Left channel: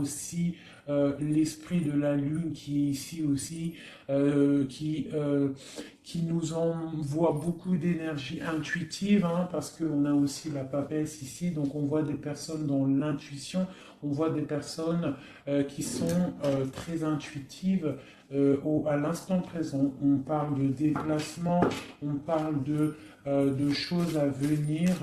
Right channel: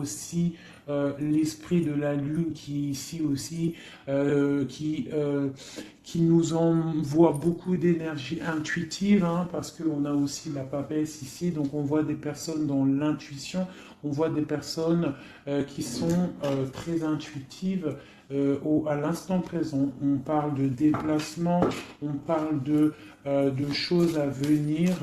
aussi l'esprit de la lune qui ici aussi, qui nous envoie beaucoup d'énergie intuitive, hein, parce qu'on a aussi la papesse ici, donc on voit des personnes dans l'intuition, on voit des personnes qui sont très intuitives à l'instant présent. On parle de déplacement, on parle de choses à venir,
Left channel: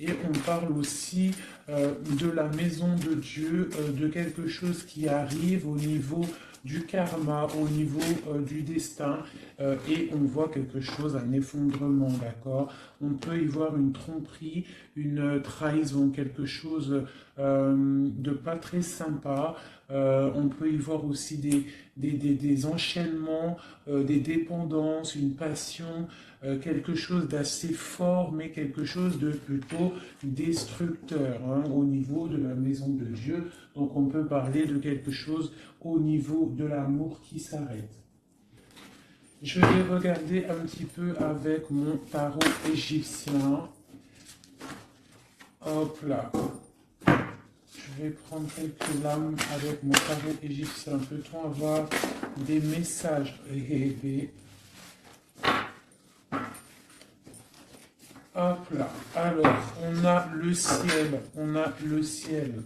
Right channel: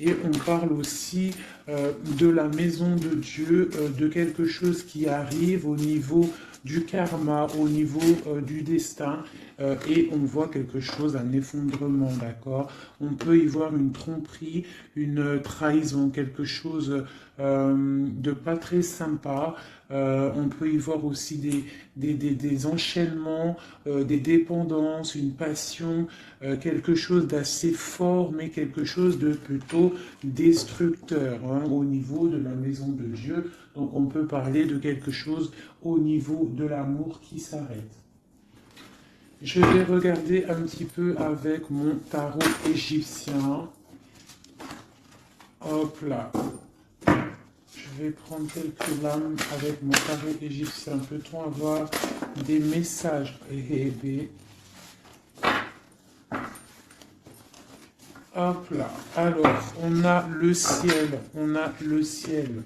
et on parle aussi de la maison de Dieu, de quelque chose qui arrive au niveau du karma, au niveau du destin, et on voit quelque chose, un effondrement, d'accord? On peut y voir une tromperie, une trahison, quelque chose de pas très sympa. On peut y voir aussi des enchaînements, des dépendances, une passion, quelque chose d'assez fort, mais quelque chose de plutôt destructeur, hein, au niveau de la maison de Dieu. Donc on peut parler de quelque chose au niveau de l'amour qui s'arrête. Je vais regarder un petit peu avec mon tarot égyptien. Hop là. Je vais prendre quelques lames avec mon tarot égyptien. Peut-on avoir des messages? Hop là. Alors, on a le ciel. On a le ciel.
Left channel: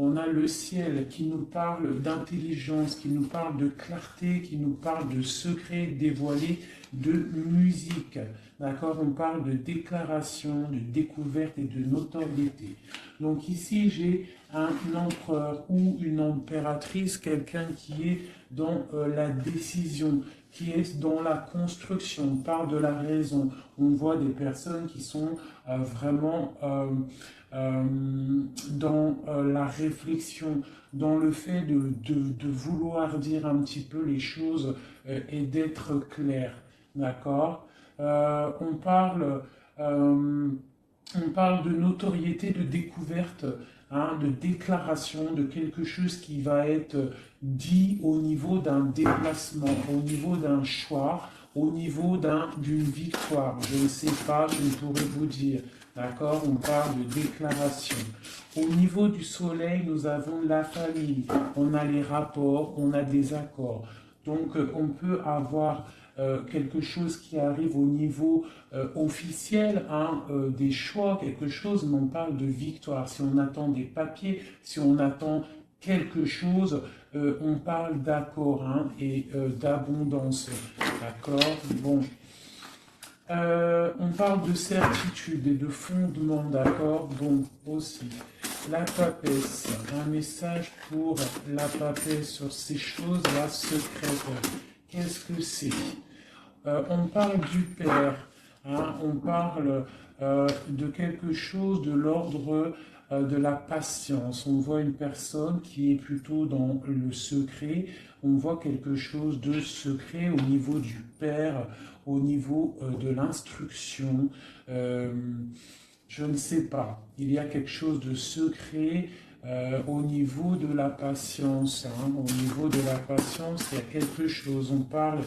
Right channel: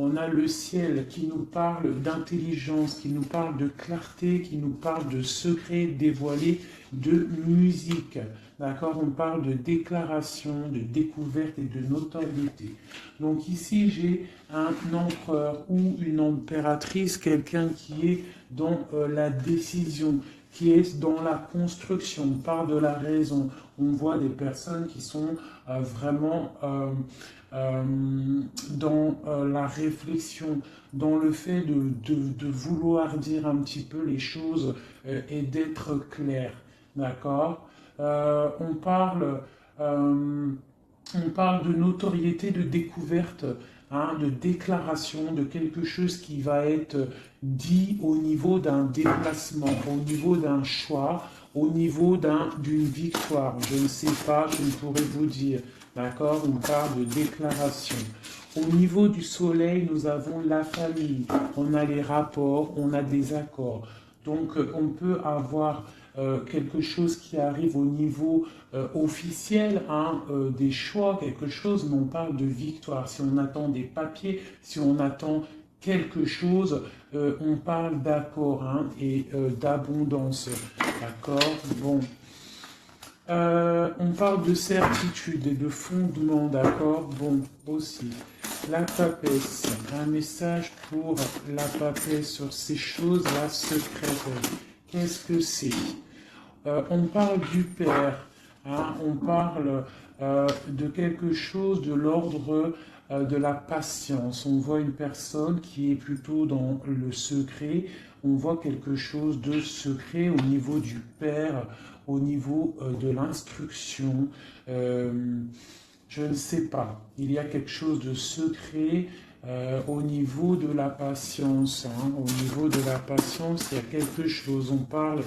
On a le ciel qui nous parle d'intelligence, qui nous parle de clarté, qui nous parle de secrets dévoilés, de musique. D'accord? On parle de déclaration, de découverte et de notoriété. Donc ici, j'ai un empereur ou une impératrice, quelqu'un qui est dans la décision, qui est dans la construction. On parle de la raison. On voit des personnes qui sont vraiment dans la réflexion, dans le fait de vouloir dire un petit peu les choses et d'être clair. D'accord? On parle de notoriété, de découverte, hein, de déclaration, de quelque chose qui va être dit au niveau d'un déplacement, au niveau d'un choix, au niveau d'une victoire. Je ne sais pas, je ne pourrais vous dire. D'accord? On parle de déclaration. Au niveau du soleil, nous avons la famille, on a les rapports, on a des accords. Donc, on peut avoir quelque chose qui arrive au niveau officiel, hein, des choix, quelque chose, mais on parle de victoire. Si on attend des papiers, si on attend quelque chose, on parle d'accord, hein, et d'abondance. D'accord? Bon. On parle de certitude et de fondement, d'accord? Bon, aussi. La papesse, un message pour la papesse sur ces choses-là secrètes. Qu'est-ce que c'est? On parle du Père, hein, on parle de quelque chose de l'ordre de la patience. On voit une personne qui est plutôt dans le secret, on voit quelque chose de secret au niveau du Père, au niveau de l'instruction. Je ne sais pas, il y a quelque chose de secret au niveau de la patience. Hein. Au niveau de la patience, il y a quelque chose. On parle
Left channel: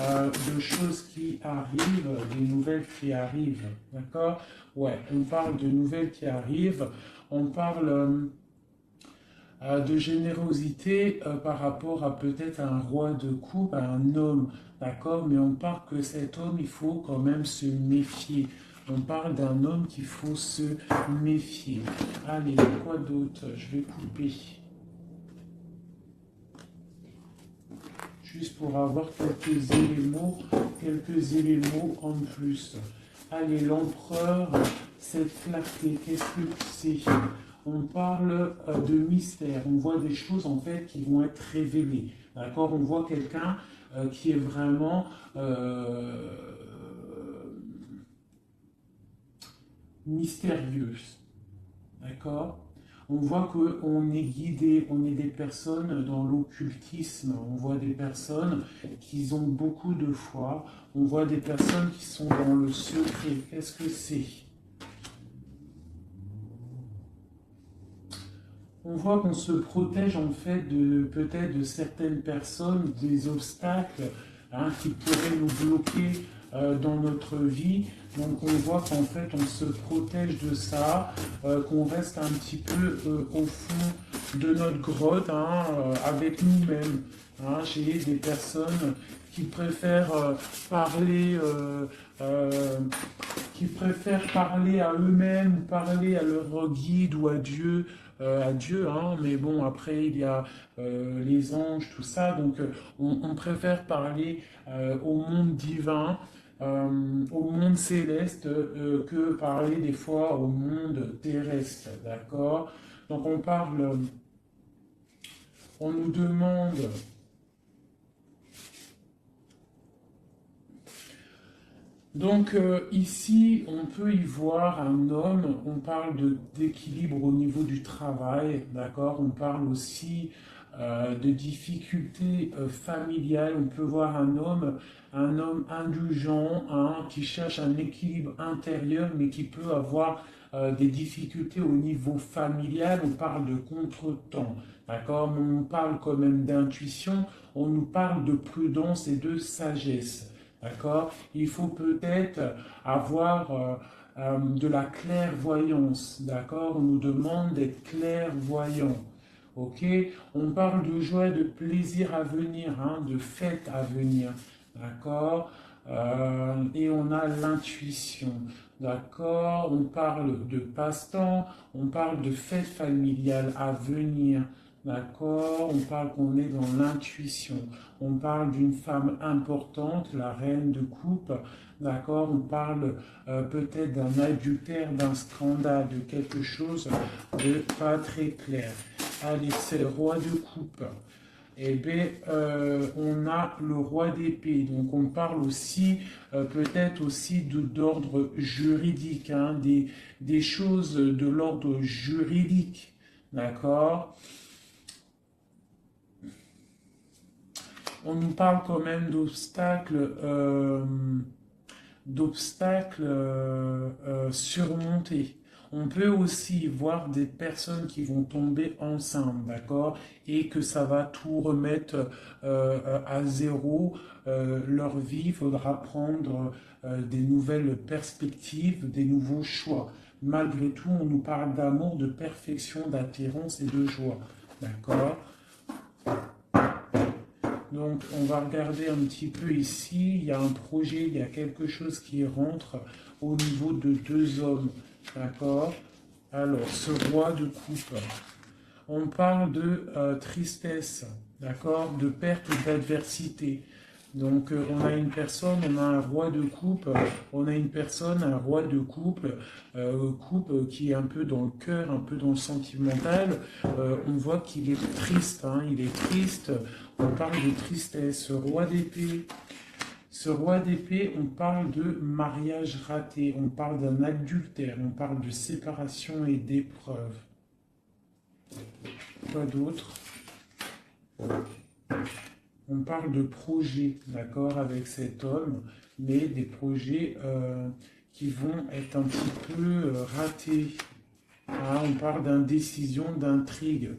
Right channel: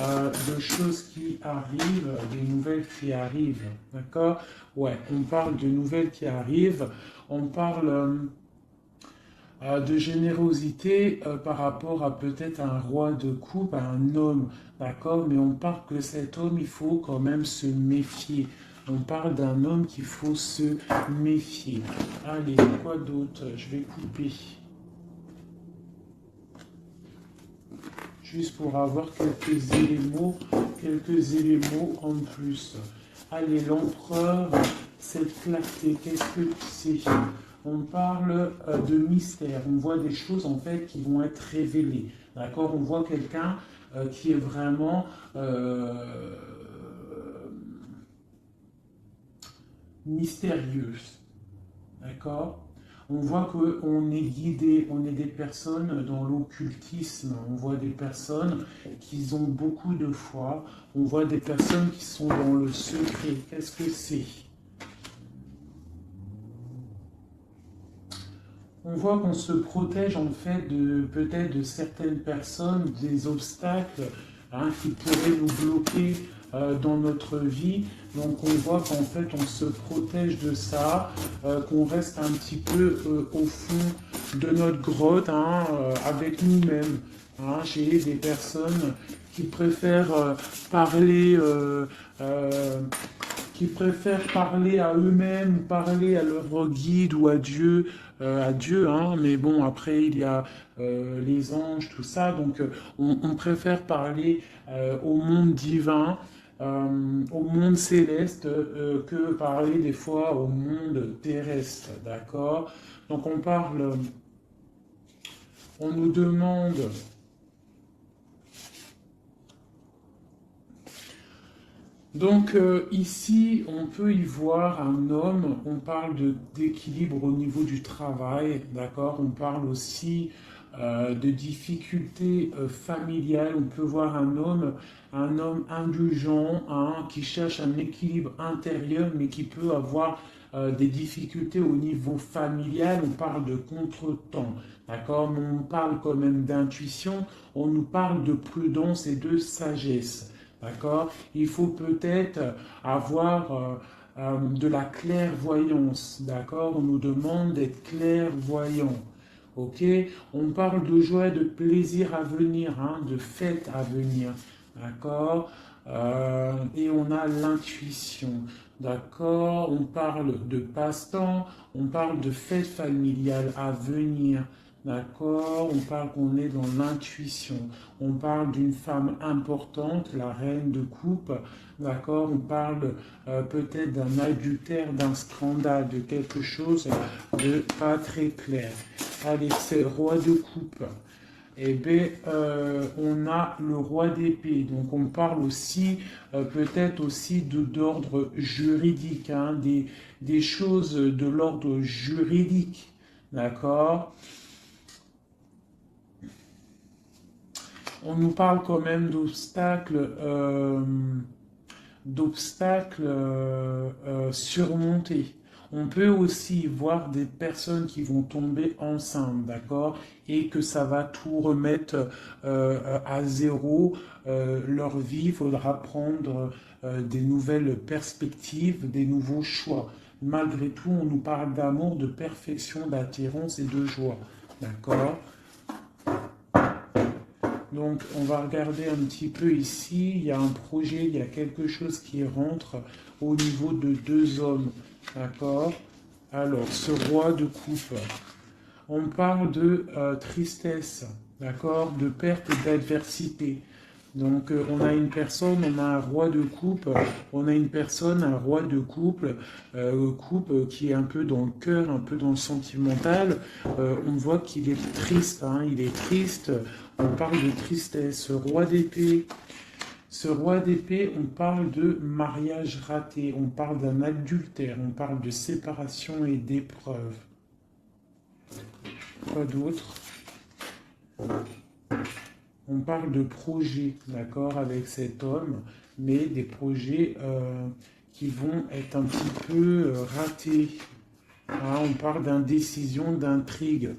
de choses qui arrivent, des nouvelles qui arrivent. D'accord? Ouais, on parle de nouvelles qui arrivent. On parle de générosité par rapport à peut-être un roi de coupe, à un homme. D'accord? Mais on parle que cet homme, il faut quand même se méfier. On parle d'un homme qu'il faut se méfier. Allez, quoi d'autre? Je vais couper. Juste pour avoir quelques éléments en plus. Allez, l'empereur, cette clarté, qu'est-ce que c'est? On parle de mystère. On voit des choses en fait qui vont être révélées. D'accord? On voit quelqu'un qui est vraiment mystérieuse. D'accord? On voit qu'on est guidé, on est des personnes dans l'occultisme, on voit des personnes qui ont beaucoup de foi, on voit des personnes qui sont dans le secret. Qu'est-ce que c'est? On voit qu'on se protège en fait peut-être de certaines personnes, des obstacles, hein, qui pourraient nous bloquer dans notre vie. Donc on voit qu'en fait on se protège de ça, qu'on reste un petit peu au fond de notre grotte, hein, avec nous-mêmes. Hein. J'ai des personnes qui préfèrent parler, à eux-mêmes, parler à leur guide ou à Dieu, hein. Mais bon, après il y a les anges, tout ça, donc on préfère parler au monde divin, au monde céleste, que parler des fois au monde terrestre, d'accord? Donc on nous demande. Donc ici, on peut y voir un homme, on parle d'équilibre au niveau du travail, d'accord? On parle aussi de difficultés familiales. On peut voir un homme indulgent, hein, qui cherche un équilibre intérieur, mais qui peut avoir des difficultés au niveau familial. On parle de contretemps, d'accord? Mais on parle quand même d'intuition, on nous parle de prudence et de sagesse. D'accord? Il faut peut-être avoir de la clairvoyance. D'accord? On nous demande d'être clairvoyant. Ok? On parle de joie, de plaisir à venir, hein, de fête à venir. D'accord? Et on a l'intuition. D'accord? On parle de passe-temps, on parle de fête familiale à venir. D'accord? On parle qu'on est dans l'intuition. On parle d'une femme importante, la reine de coupe. D'accord? On parle peut-être d'un adultère, d'un scandale, de quelque chose de pas très clair. Allez, c'est le roi de coupe. Eh bien, on a le roi d'épée. Donc, on parle aussi, peut-être aussi d'ordre juridique, hein, des choses de l'ordre juridique. D'accord? On nous parle quand même d'obstacles surmontés. On peut aussi voir des personnes qui vont tomber enceintes, d'accord, et que ça va tout remettre à zéro. Leur vie, il faudra prendre des nouvelles perspectives, des nouveaux choix. Malgré tout, on nous parle d'amour, de perfection, d'attirance et de joie, d'accord. Donc, on va regarder un petit peu ici. Il y a un projet, il y a quelque chose qui rentre au niveau de deux hommes. D'accord? Alors, ce roi de coupe, on parle de tristesse, d'accord? De perte, d'adversité. Donc, on a une personne, on a un roi de coupe, on a une personne, un roi de couple, qui est un peu dans le cœur, un peu dans le sentimental. On voit qu'il est triste, hein, il est triste. On parle de tristesse. Ce roi d'épée, on parle de mariage raté, on parle d'un adultère, on parle de séparation et d'épreuve. Quoi d'autre? On parle de projets, d'accord, avec cet homme, mais des projets qui vont être un petit peu ratés. Ah, on parle d'indécision, d'intrigue.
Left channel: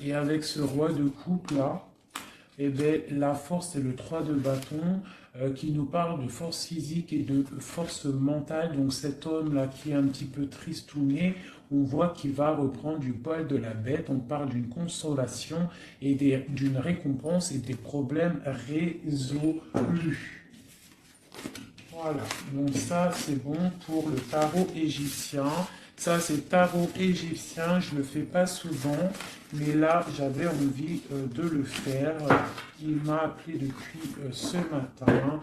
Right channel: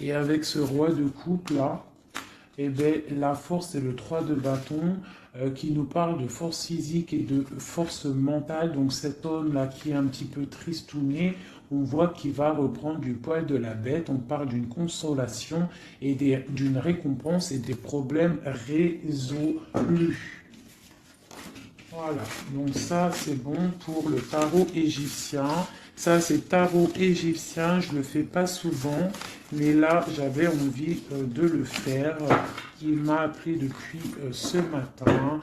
Et avec ce roi de coupe là, eh bien, la force, c'est le 3 de bâton qui nous parle de force physique et de force mentale. Donc cet homme-là qui est un petit peu tristouné, on voit qu'il va reprendre du poil de la bête. On parle d'une consolation et d'une récompense et des problèmes résolus. Voilà, donc ça c'est bon pour le tarot égyptien. Ça c'est tarot égyptien, je ne le fais pas souvent, mais là j'avais envie de le faire. Il m'a appelé depuis ce matin,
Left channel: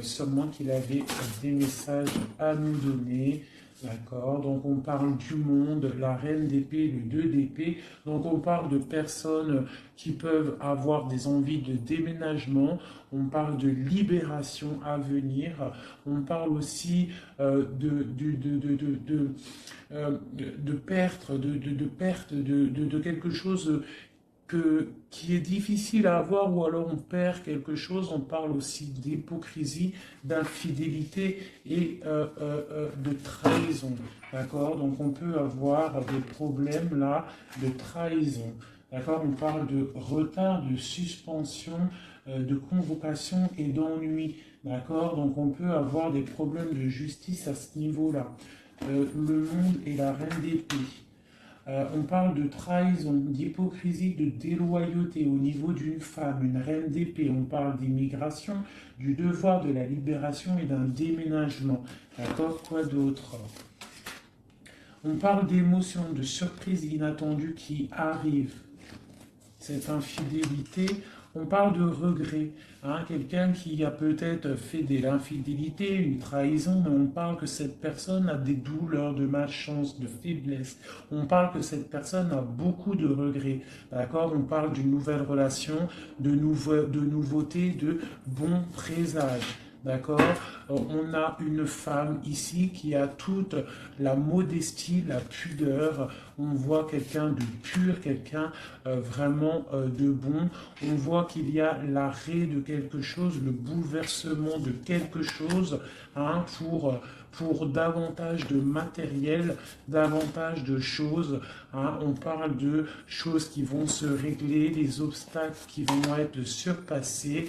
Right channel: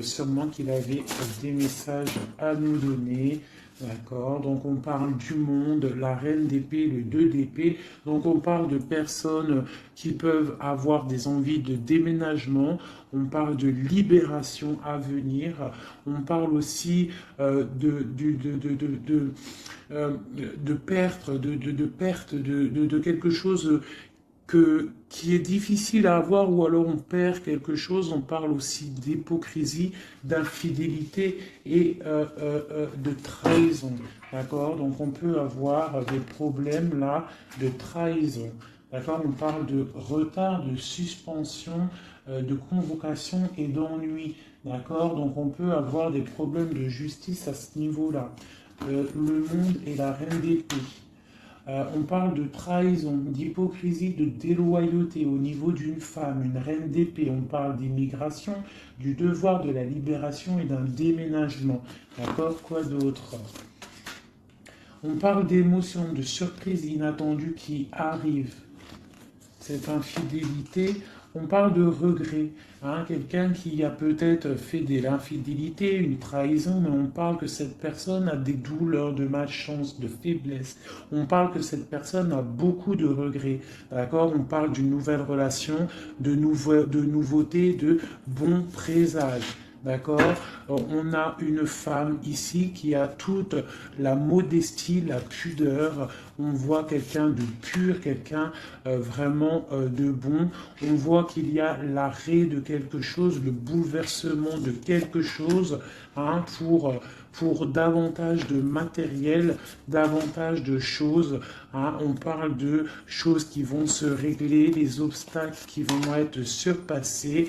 sûrement qu'il avait des messages à nous donner. D'accord, donc on parle du monde, la reine d'épée, le 2 d'épée. Donc on parle de personnes qui peuvent avoir des envies de déménagement. On parle de libération à venir. On parle aussi de perte de quelque chose qui est difficile à avoir, ou alors on perd quelque chose. On parle aussi d'hypocrisie, d'infidélité et de trahison. D'accord? Donc on peut avoir des problèmes là de trahison. D'accord? On parle de retard, de suspension, de convocation et d'ennui. D'accord? Donc on peut avoir des problèmes de justice à ce niveau-là. Le monde est la reine d'épée. On parle de trahison, d'hypocrisie, de déloyauté au niveau d'une femme, une reine d'épée. On parle d'immigration, du devoir de la libération et d'un déménagement. D'accord? Quoi d'autre? On parle d'émotions, de surprises inattendues qui arrivent. Cette infidélité, on parle de regret. Hein, quelqu'un qui a peut-être fait de l'infidélité, une trahison, mais on parle que cette personne a des douleurs, de malchance, de faiblesse. On parle que cette personne a beaucoup de regrets. D'accord? On parle d'une nouvelle relation, de nouveautés, de bons présages. D'accord? On a une femme ici qui a toute la modestie, la pudeur. On voit quelqu'un de pur, quelqu'un vraiment de bon. On voit qu'il y a l'arrêt de quelque chose, le bouleversement de quelque chose, hein, pour davantage de matériel, davantage de choses. Hein. On parle de choses qui vont se régler, les obstacles qui vont être surpassés.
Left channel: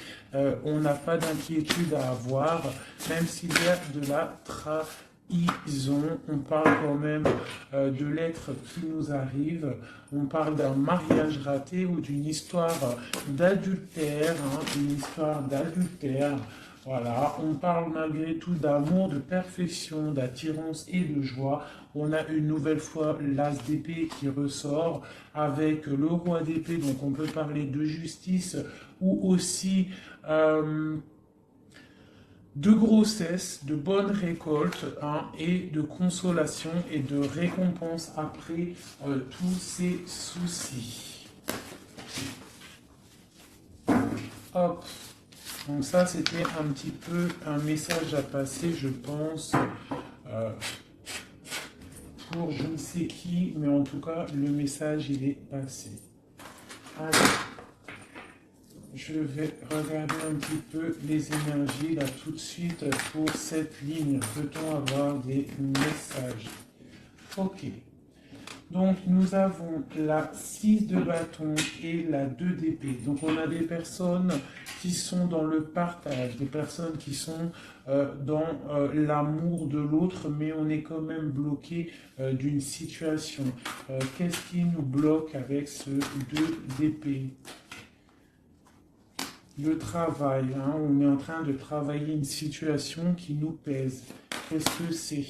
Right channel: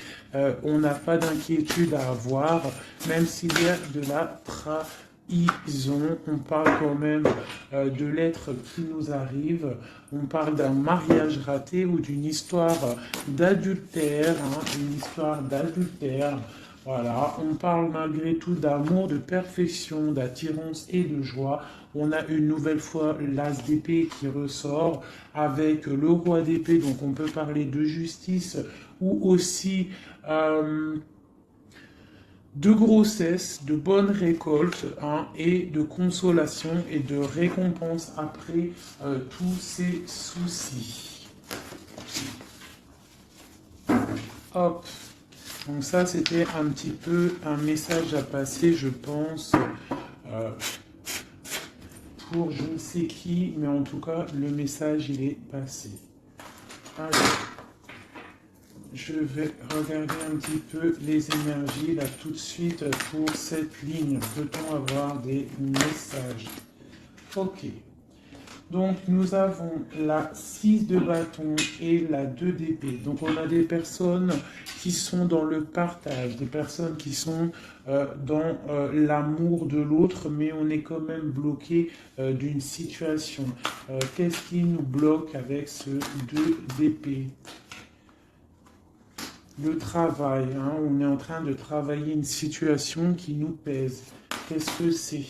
On n'a pas d'inquiétude à avoir, même s'il y a de la trahison. On parle quand même de l'être qui nous arrive. On parle d'un mariage raté ou d'une histoire d'adultère, hein, une histoire d'adultère. Voilà, on parle malgré tout d'amour, de perfection, d'attirance et de joie. On a une nouvelle fois l'as d'épée qui ressort avec le roi d'épée, donc on peut parler de justice ou aussi de grossesse, de bonne récolte, hein, et de consolation et de récompense après tous ces soucis. Hop. Donc ça, c'était un petit peu un message à passer, je pense, pour je ne sais qui, mais en tout cas, le message, il est passé. Allez, je vais regarder un petit peu les énergies, là, tout de suite, pour cette ligne. Peut-on avoir des messages? Ok. Donc, nous avons la 6 de bâton et la 2 d'épée. Donc, on a des personnes qui sont dans le partage, des personnes qui sont dans l'amour de l'autre, mais on est quand même bloqué d'une situation. Qu'est-ce qui nous bloque avec ce 2 d'épée? Le travail, hein, on est en train de travailler une situation qui nous pèse. Qu'est-ce que c'est?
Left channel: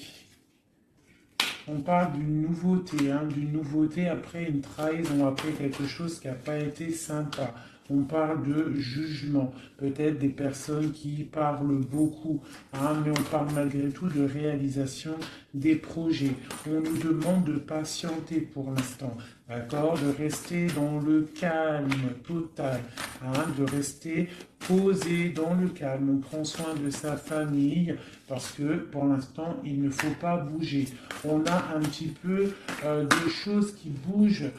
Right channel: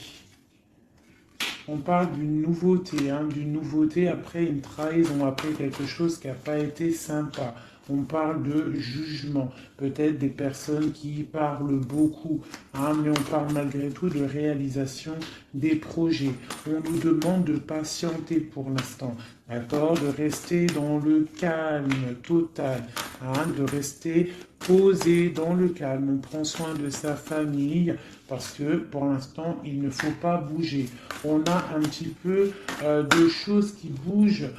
On parle d'une nouveauté après une trahison, après quelque chose qui n'a pas été sympa. On parle de jugement, peut-être des personnes qui parlent beaucoup, hein, mais on parle malgré tout de réalisation des projets. On nous demande de patienter pour l'instant, d'accord, de rester dans le calme total, hein, de rester posé dans le calme. On prend soin de sa famille parce que pour l'instant, il ne faut pas bouger. On a un petit peu de choses qui bougent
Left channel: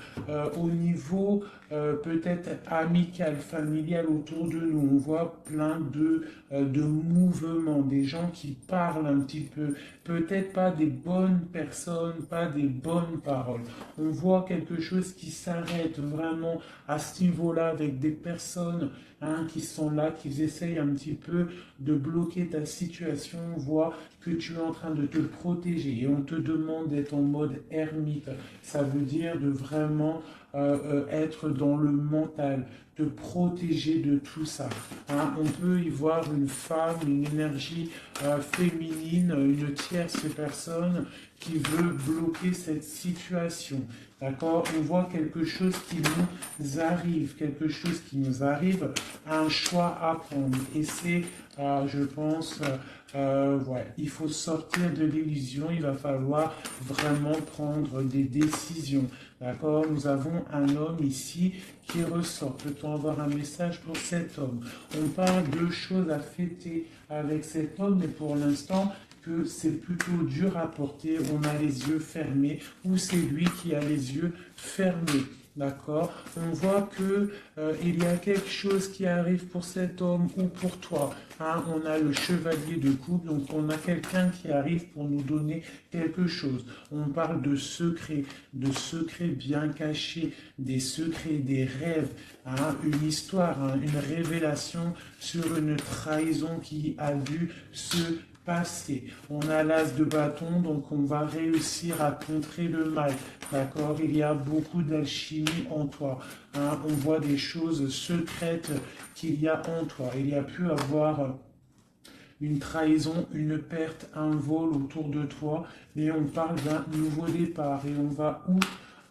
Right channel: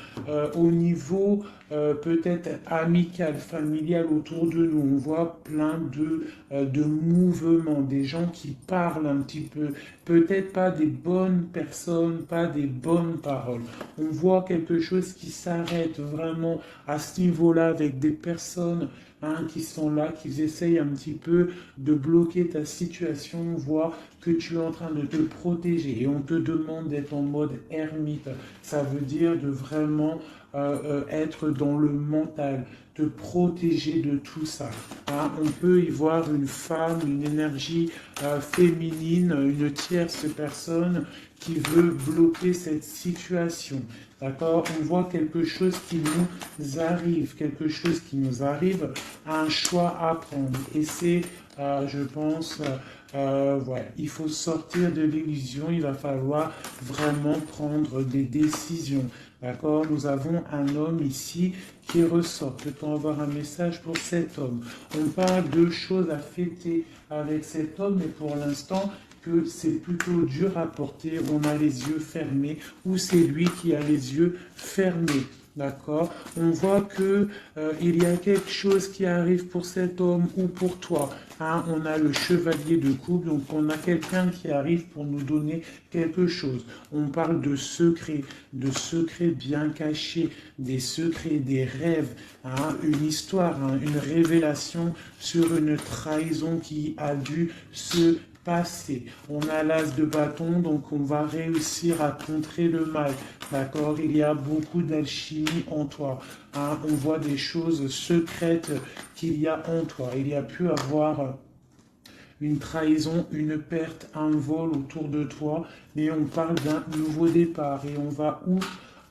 au niveau peut-être amical, familial autour de nous. On voit plein de mouvements, des gens qui parlent un petit peu, peut-être pas des bonnes personnes, pas des bonnes paroles. On voit quelque chose qui s'arrête vraiment à ce niveau-là avec des personnes, hein, qui sont là, qui essayent un petit peu de bloquer ta situation, voient que tu es en train de te protéger et on te demande d'être en mode ermite. Ça veut dire de vraiment être dans le mental, te protéger de tout ça. Hein, on peut y voir une femme, une énergie féminine, une tierce personne qui veut bloquer cette situation. D'accord? On voit quelque chose qui nous arrive, un choix à prendre. Et c'est, je pense, ouais, il faut sortir de l'illusion, il va falloir vraiment prendre des décisions. D'accord? Nous avons un homme ici qui ressort. Peut-on avoir un message pour cet homme? On parle de choses à fêter avec cet homme, mais pour l'instant, que c'est plutôt dur à porter, on a les yeux fermés, ou c'est lui qui a les yeux fermés. D'accord? On voit que il y a quelque chose qui arrive pour cet homme ou pour toi. Hein, on a le chevalier de coupe, donc on a quelqu'un qui arrive pour nous donner quelque chose. On parle de secrets bien cachés, des secrets, des rêves, hein, une histoire, hein, une révélation sur une trahison qui a dû se passer. On a l'as de bâton, donc on va réussir à contrer le mal. D'accord? Il y a beaucoup d'alchimie en toi. Hein? On voit des choses secrètes qu'il y a en toi. Il y a pu avoir une trahison, une perte, un vol autour de toi. Et on parle d'un nouveau départ. Et on va où?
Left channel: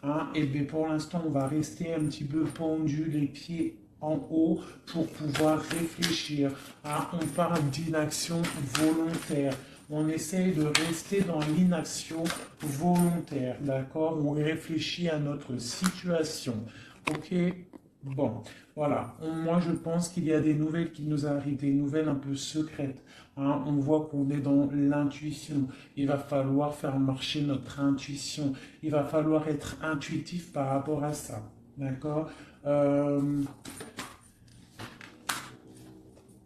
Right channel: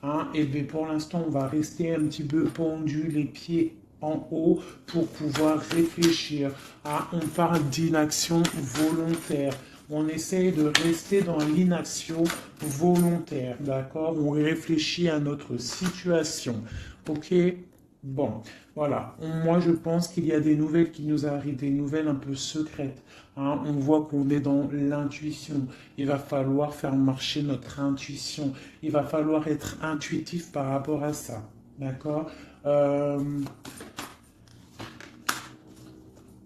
Hein? Et bien pour l'instant, on va rester un petit peu pendu, les pieds en haut pour pouvoir réfléchir. Hein? On parle d'inaction volontaire. On essaye de rester dans l'inaction volontaire, d'accord? On réfléchit à notre situation, ok? Bon, voilà. Moi, je pense qu'il y a des nouvelles qui nous arrivent, des nouvelles un peu secrètes. Hein? On voit qu'on est dans l'intuition. Il va falloir faire marcher notre intuition. Il va falloir être intuitif par rapport à ça, d'accord?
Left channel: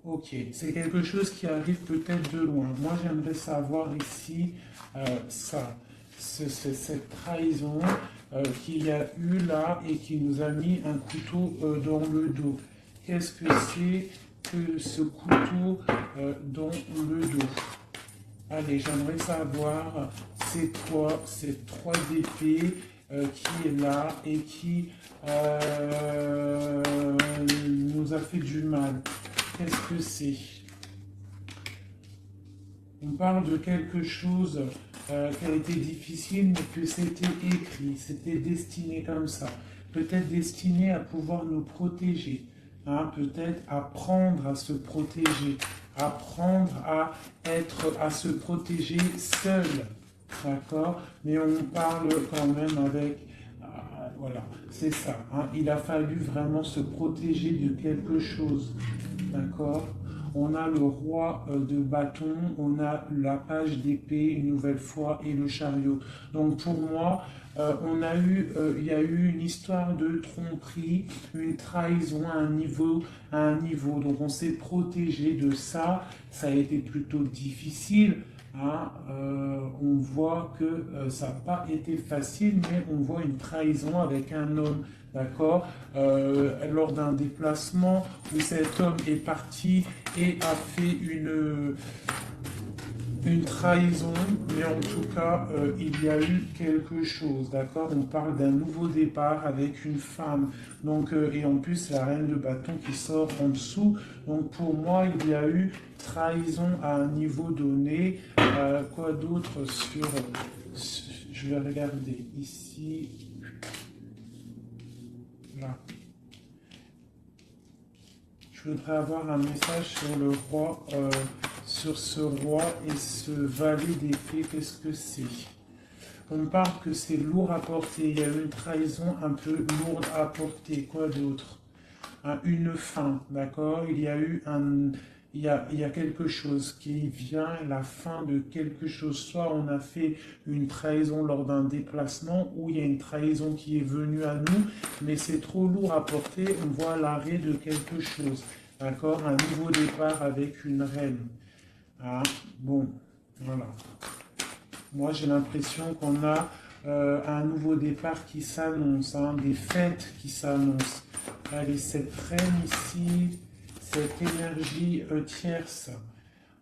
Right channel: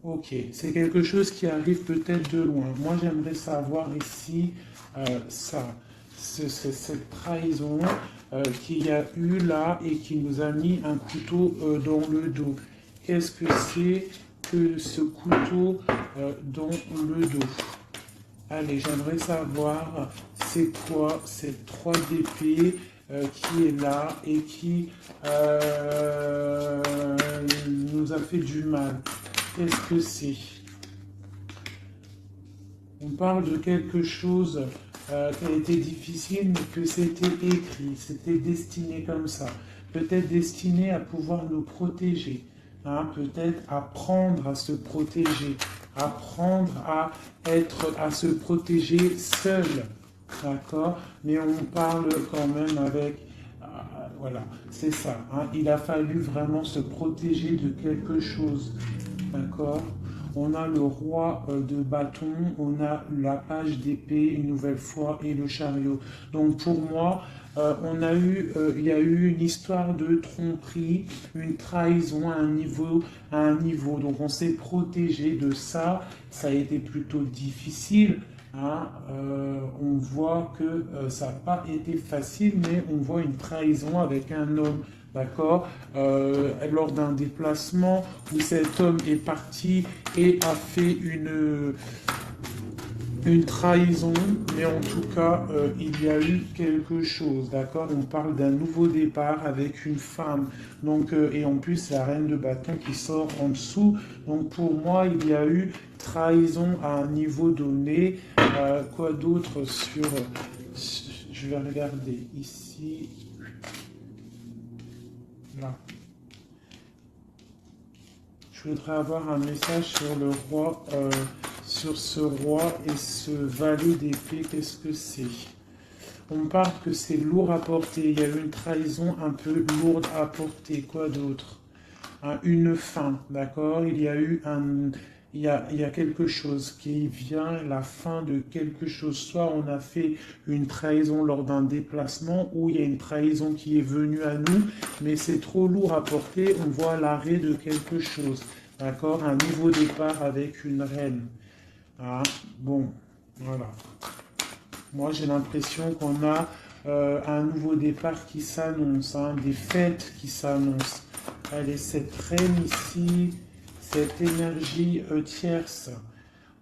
Ok, c'est quelque chose qui arrive peut-être de loin. Moi, j'aimerais savoir ici ça, cette trahison qu'il y a eu là et qui nous a mis un couteau dans le dos. Qu'est-ce que c'est que ce couteau dans le dos? Allez, j'aimerais savoir, c'est quoi cette 3 d'épée qui est là et qui nous a fait du mal. Qu'est-ce que c'est? On parle de quelque chose qui a été difficile, mais que c'était écrit, c'était destiné comme ça. Peut-être destiné à pouvoir nous protéger, hein, peut-être apprendre à se protéger, apprendre à se protéger seul, d'accord? Mais on parle quand même avec, voilà, c'est ça. Hein, il a fallu vraiment se protéger de quelque chose, d'accord? On a le roi de bâton, on a la page d'épée une nouvelle fois et le chariot. Donc pour moi, il y a eu une histoire de tromperie, une trahison à un niveau. Donc on s'est protégé de ça. Ça a été plutôt difficile. Hein. On voit que ça n'a pas été facile, mais on voit une trahison avec un homme. D'accord? Lors d'un déplacement où cet homme est parti et a fait une trahison, mais en tout cas, il y a eu quelque chose, d'accord? On parle d'un nouveau départ avec une femme, donc, et en plus, la reine de bâton qui sort en dessous. Donc, pour moi, il y a eu trahison à un niveau donné. Quoi d'autre sur... Je vais regarder ici. Là. Je voudrais avoir un message sur le roi, sur ce roi et ce valet d'épée. Qu'est-ce que c'est? On parle que c'est lourd à porter. Il y a une trahison un peu lourde à porter. Quoi d'autre? Une fin, d'accord? Il y a eu un... Il y a quelque chose qui vient, la fin de quelque chose. Soit on a fait une trahison lors d'un déplacement, ou il y a une trahison qui est venue à nous, mais c'est trop lourd à porter, on voit l'arrêt de quelque chose. D'accord? Un nouveau départ avec une reine. Hein? Bon, voilà. Moi, j'ai l'impression qu'on a un nouveau départ qui s'annonce, hein, des fêtes qui s'annoncent. Allez, cette reine ici, cette énergie tierce.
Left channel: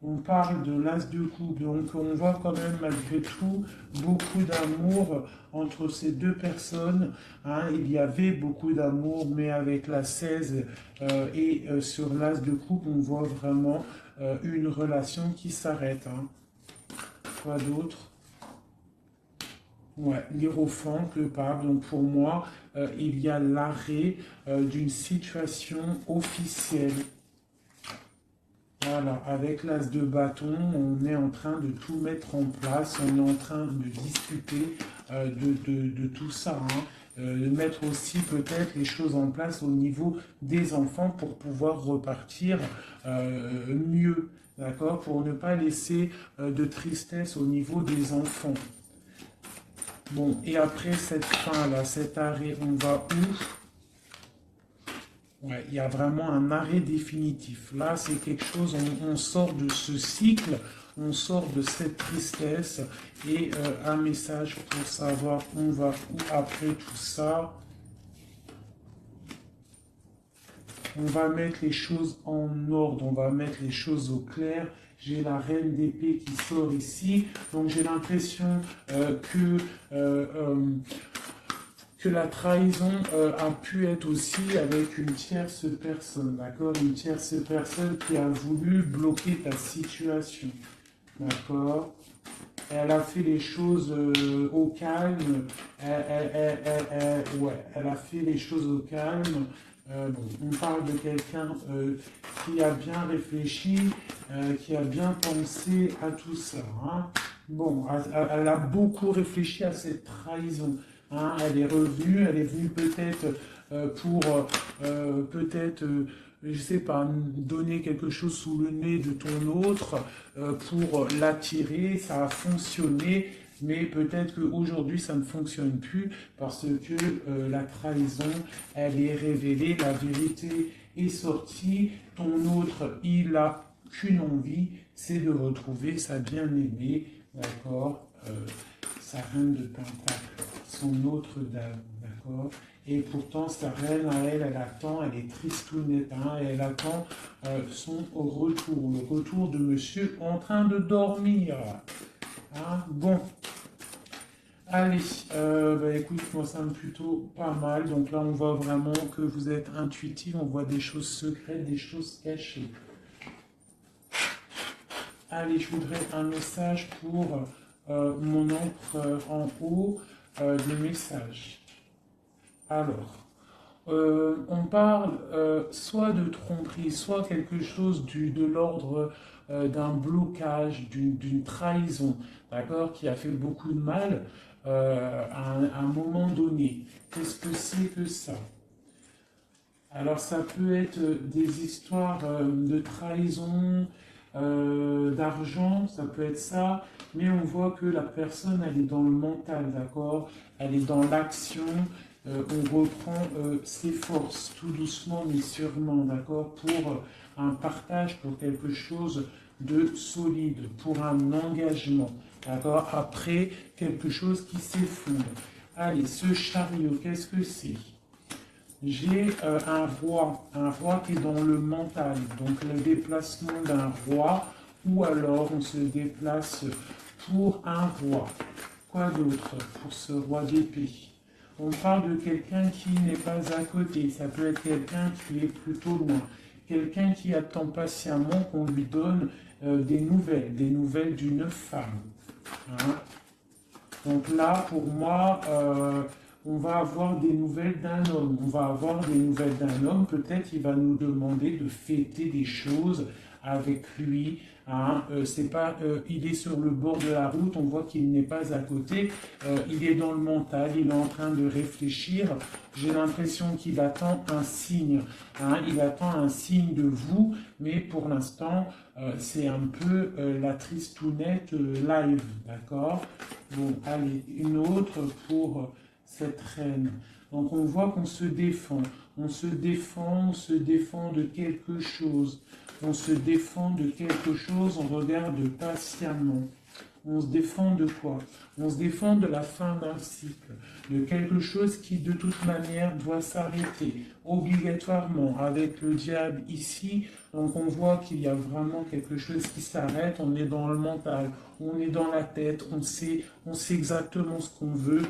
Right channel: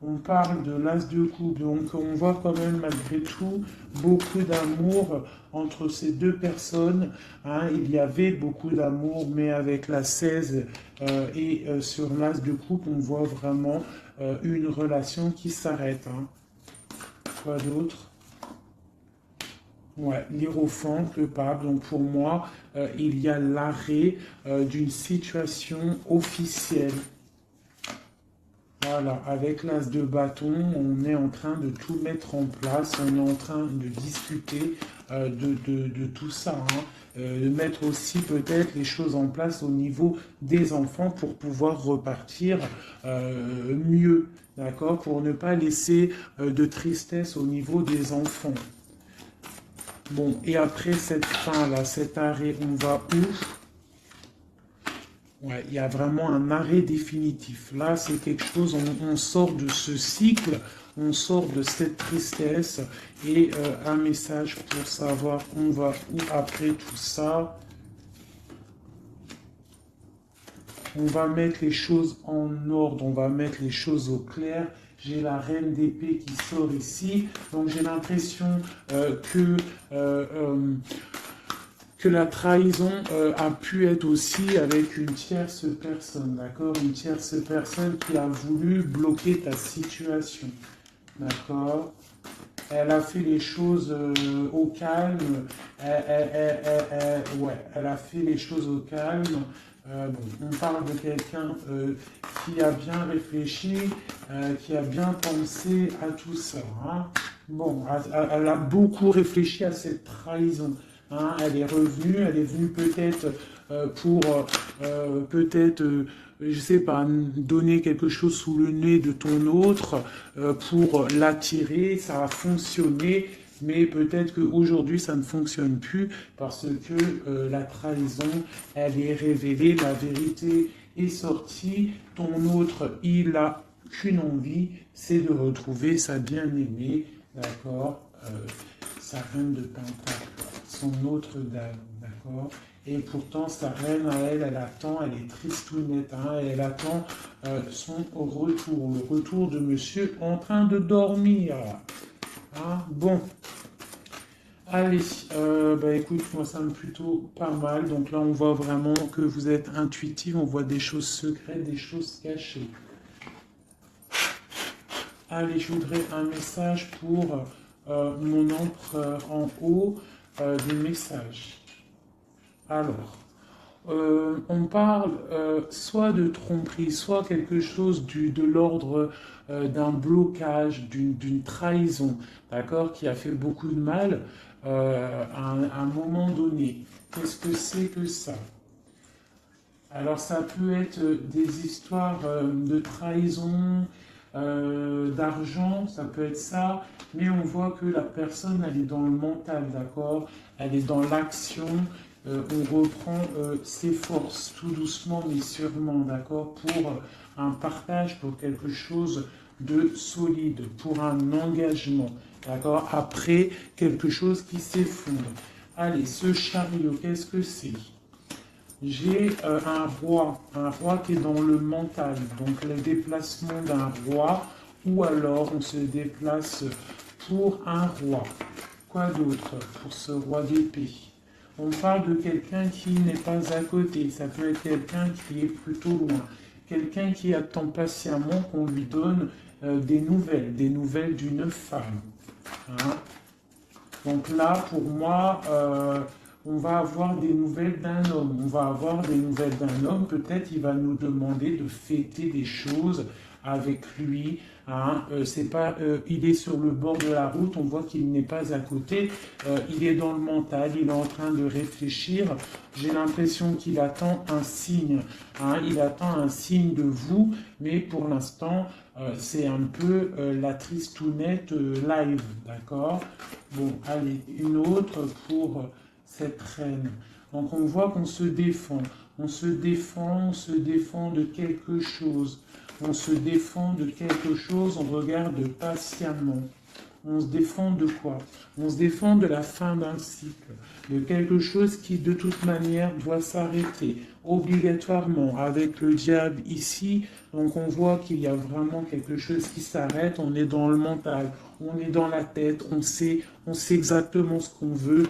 On parle de l'as de coupe, donc on voit quand même malgré tout beaucoup d'amour entre ces deux personnes. Hein. Il y avait beaucoup d'amour, mais avec la 16 sur l'as de coupe, on voit vraiment une relation qui s'arrête. Hein. Quoi d'autre? Ouais, l'hiérophant, le pape. Donc pour moi, il y a l'arrêt d'une situation officielle. Voilà, avec l'as de bâton, on est en train de tout mettre en place, on est en train de discuter de tout ça. Hein. De mettre aussi peut-être les choses en place au niveau des enfants pour pouvoir repartir mieux, d'accord? Pour ne pas laisser de tristesse au niveau des enfants. Bon, et après cette fin-là, cet arrêt, on va où? Ouais, il y a vraiment un arrêt définitif. Là, c'est quelque chose, on sort de ce cycle, on sort de cette tristesse. Et un message pour savoir on va où après tout ça. On va mettre les choses en ordre, on va mettre les choses au clair. J'ai la reine d'épée qui sort ici. Donc j'ai l'impression que la trahison a pu être aussi avec une tierce personne, d'accord? Une tierce personne qui a voulu bloquer ta situation, d'accord? Elle a fait les choses au calme. Ouais, elle a fait les choses au calme. On parle de quelqu'un qui a bien réfléchi, qui a bien pensé à tout ça. Hein. Bon, elle a beaucoup réfléchi à cette trahison. Hein. Elle est venue peut-être pour peut-être, je sais pas, donner quelque chose sous le nez de ton autre pour l'attirer. Ça a fonctionné. Mais peut-être qu'aujourd'hui, ça ne fonctionne plus parce que la trahison, elle est révélée, la vérité est sortie. Ton autre, il a qu'une envie, c'est de retrouver sa bien-aimée, d'accord, sa reine de Pentacle, son autre dame, d'accord. Et pourtant, sa reine, elle attend, elle est tristounette, hein, elle attend son retour, le retour de monsieur en train de dormir. Hein, bon. Allez, écoute, moi ça me plutôt pas mal. Donc là, on voit vraiment que vous êtes intuitif, on voit des choses secrètes, des choses cachées. Allez, je voudrais un message pour mon ombre en haut des messages. Alors, on parle soit de tromperie, soit quelque chose de l'ordre d'un blocage, d'une trahison, d'accord, qui a fait beaucoup de mal à un moment donné. Qu'est-ce que c'est que ça? Alors ça peut être des histoires de trahison, d'argent, ça peut être ça, mais on voit que la personne, elle est dans le mental, d'accord? Elle est dans l'action, on reprend ses forces, tout doucement mais sûrement, d'accord? Pour un partage, pour quelque chose de solide, pour un engagement, d'accord? Après, quelque chose qui s'effondre. Allez, ce chariot, qu'est-ce que c'est? J'ai un roi qui est dans le mental, donc le déplacement d'un roi, ou alors on se déplace pour un roi. Quoi d'autre pour ce roi d'épée? On parle de quelqu'un qui n'est pas à côté, ça peut être quelqu'un qui est plutôt loin, quelqu'un qui attend patiemment qu'on lui donne des nouvelles d'une femme. Hein. Donc là, pour moi, on va avoir des nouvelles d'un homme. On va avoir des nouvelles d'un homme. Peut-être il va nous demander de fêter des choses avec lui. Hein. C'est pas, il est sur le bord de la route, on voit qu'il n'est pas à côté. Il est dans le mental, il est en train de réfléchir. J'ai l'impression qu'il attend un signe. Hein. Il attend un signe de vous, mais pour l'instant, c'est un peu la tristounette live, d'accord? Donc, allez, une autre pour cette reine. Donc, on voit qu'on se défend. On se défend de quelque chose. On se défend de quelque chose, on regarde patiemment. On se défend de quoi? On se défend de la fin d'un cycle, de quelque chose qui de toute manière doit s'arrêter, obligatoirement, avec le diable ici. Donc on voit qu'il y a vraiment quelque chose qui s'arrête, on est dans le mental, on est dans la tête, on sait exactement ce qu'on veut,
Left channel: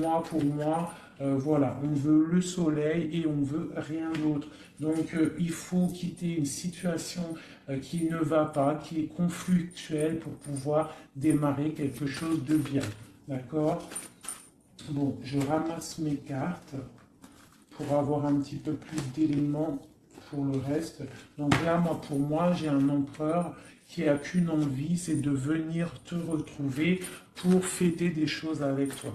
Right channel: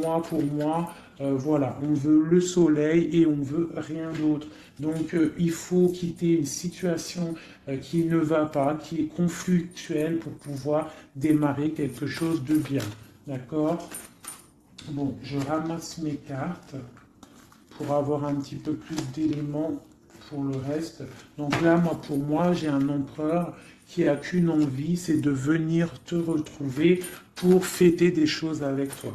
moi pour moi. Voilà, on veut le soleil et on veut rien d'autre. Donc il faut quitter une situation qui ne va pas, qui est conflictuelle pour pouvoir démarrer quelque chose de bien. D'accord? Bon, je ramasse mes cartes pour avoir un petit peu plus d'éléments pour le reste. Donc là, pour moi, j'ai un empereur qui a qu'une envie, c'est de venir te retrouver pour fêter des choses avec toi.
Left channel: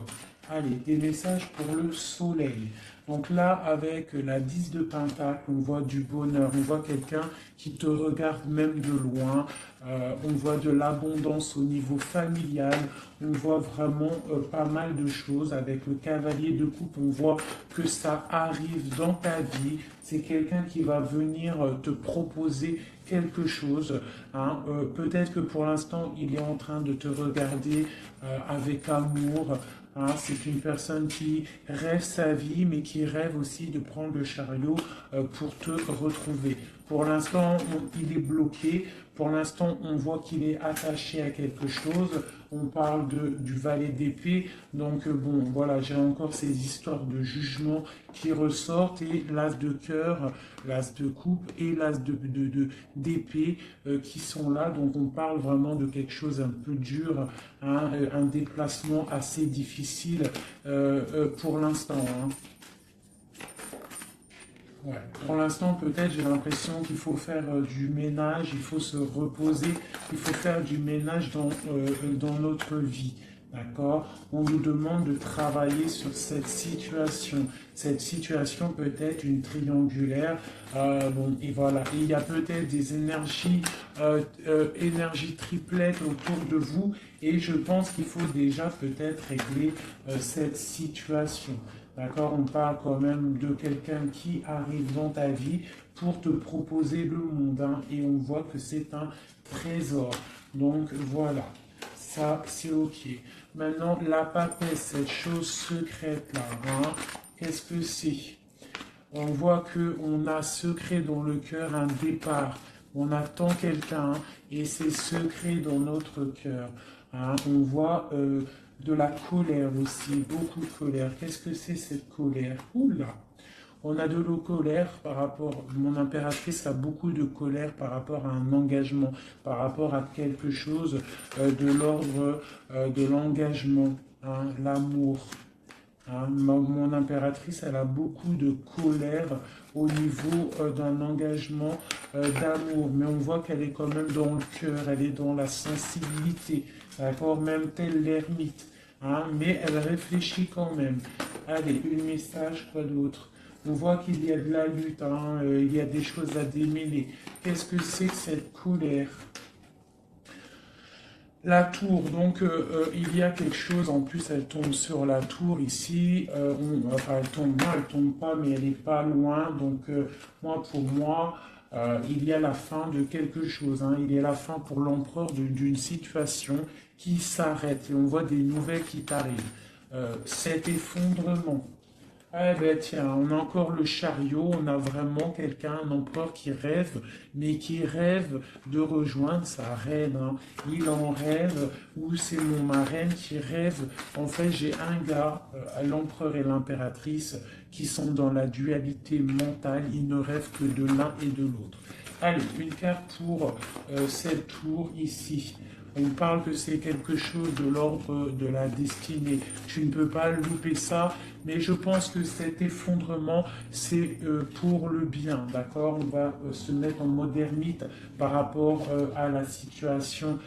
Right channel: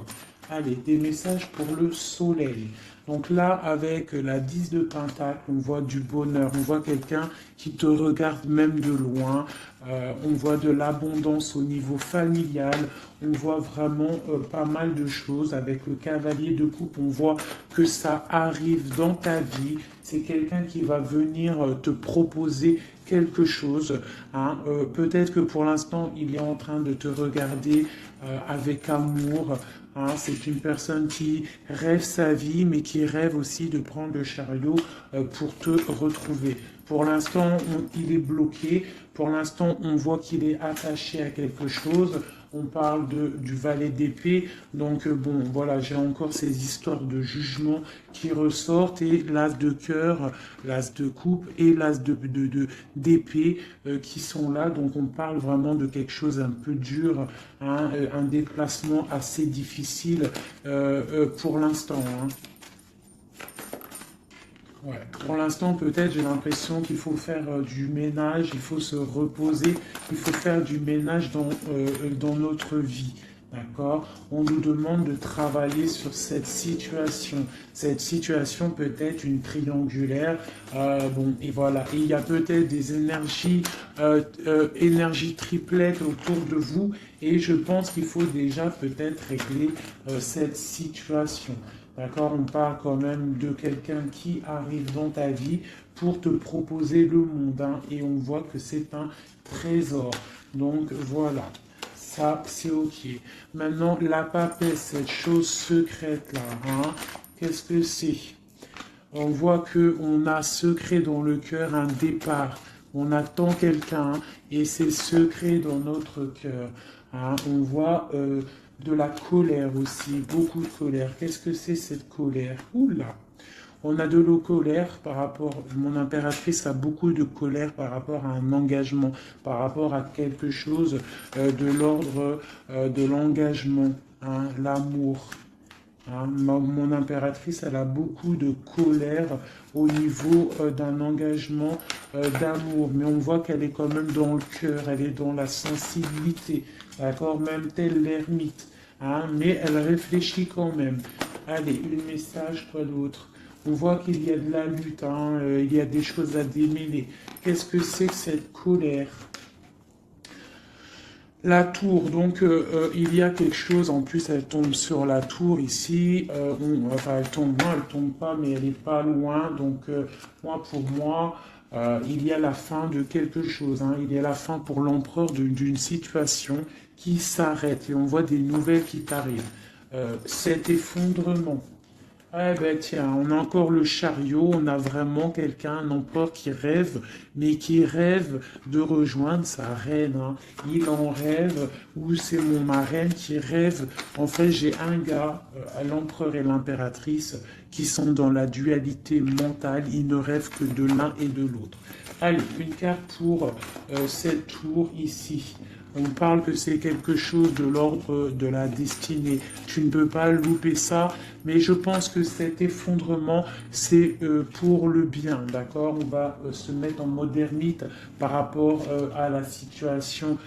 Allez, des messages pour le soleil. Donc là, avec la 10 de Pentacle, on voit du bonheur, on voit quelqu'un qui te regarde même de loin, on voit de l'abondance au niveau familial, on voit vraiment pas mal de choses. Avec le cavalier de coupe, on voit que ça arrive dans ta vie. C'est quelqu'un qui va venir te proposer quelque chose. Hein. Peut-être que pour l'instant, il est en train de te regarder avec amour. Hein. C'est une personne qui rêve sa vie, mais qui rêve aussi de prendre le chariot pour te retrouver. Pour l'instant, il est bloqué. Pour l'instant, on voit qu'il est attaché à quelque chose. On parle du valet d'épée. Donc, bon, voilà, j'ai encore ces histoires de jugement qui ressortent. Et l'as de cœur, l'as de coupe et l'as d'épée qui sont là. Donc, on parle vraiment de quelque chose un peu dur, hein, un déplacement assez difficile pour l'instant. Hein. Ouais. Pour l'instant, peut-être, j'ai l'impression qu'il faut faire du ménage, il faut se reposer, il faut faire du ménage dans notre vie. D'accord? On nous demande de travailler sur cette situation. Cette situation peut être une triangulaire. Bon, et voilà. Et il y a peut-être des énergies triplettes autour de vous. Et je pense qu'il faut déjà peut-être régler cette situation. D'accord, on parle quand même de quelqu'un qui arrive dans ta vie pour te proposer le monde. Hein, et on voit que c'est un trésor. Donc voilà, ça c'est ok. Maintenant, la papesse, cette chose secrète là, hein, qu'est-ce que c'est? On voit qu'on a secret dans le cœur un départ. On attend quelqu'un et c'est secret dans notre cœur. Hein, on voit de la colère aussi, beaucoup de colère. Qu'est-ce que c'est cette colère? Oula! On a de la colère par rapport, mon impératrice a beaucoup de colère par rapport à un engagement, par rapport à quelque chose de l'ordre de l'engagement, hein, l'amour. Hein, mon impératrice, elle a beaucoup de colère au niveau d'un engagement d'amour, mais on voit qu'elle est quand même dans le cœur, elle est dans la sensibilité, d'accord, même telle l'ermite, hein, mais elle réfléchit quand même. Allez, un message, quoi d'autre? On voit qu'il y a de la lutte, hein, il y a des choses à démêler. Qu'est-ce que c'est que cette colère? La tour, donc il y a quelque chose, en plus elle tombe sur la tour ici, enfin elle tombe, non elle tombe pas, mais elle est pas loin, donc pour moi, il y a la fin de quelque chose, hein, il y a la fin pour l'empereur d'une situation qui s'arrête, et on voit des nouvelles qui arrivent. Cet effondrement. Eh ben tiens, on a encore le chariot, on a vraiment quelqu'un, un empereur qui rêve, mais qui rêve de rejoindre sa reine. Hein. Il en rêve, ou c'est mon marraine qui rêve. En fait, j'ai un gars, l'empereur et l'impératrice, qui sont dans la dualité mentale, ils ne rêvent que de l'un et de l'autre. Allez, une carte pour cette tour ici. On parle que c'est quelque chose de l'ordre de la destinée. Tu ne peux pas louper ça, mais je pense que cet effondrement, c'est pour le bien, d'accord? On va se mettre en modernité par rapport à la situation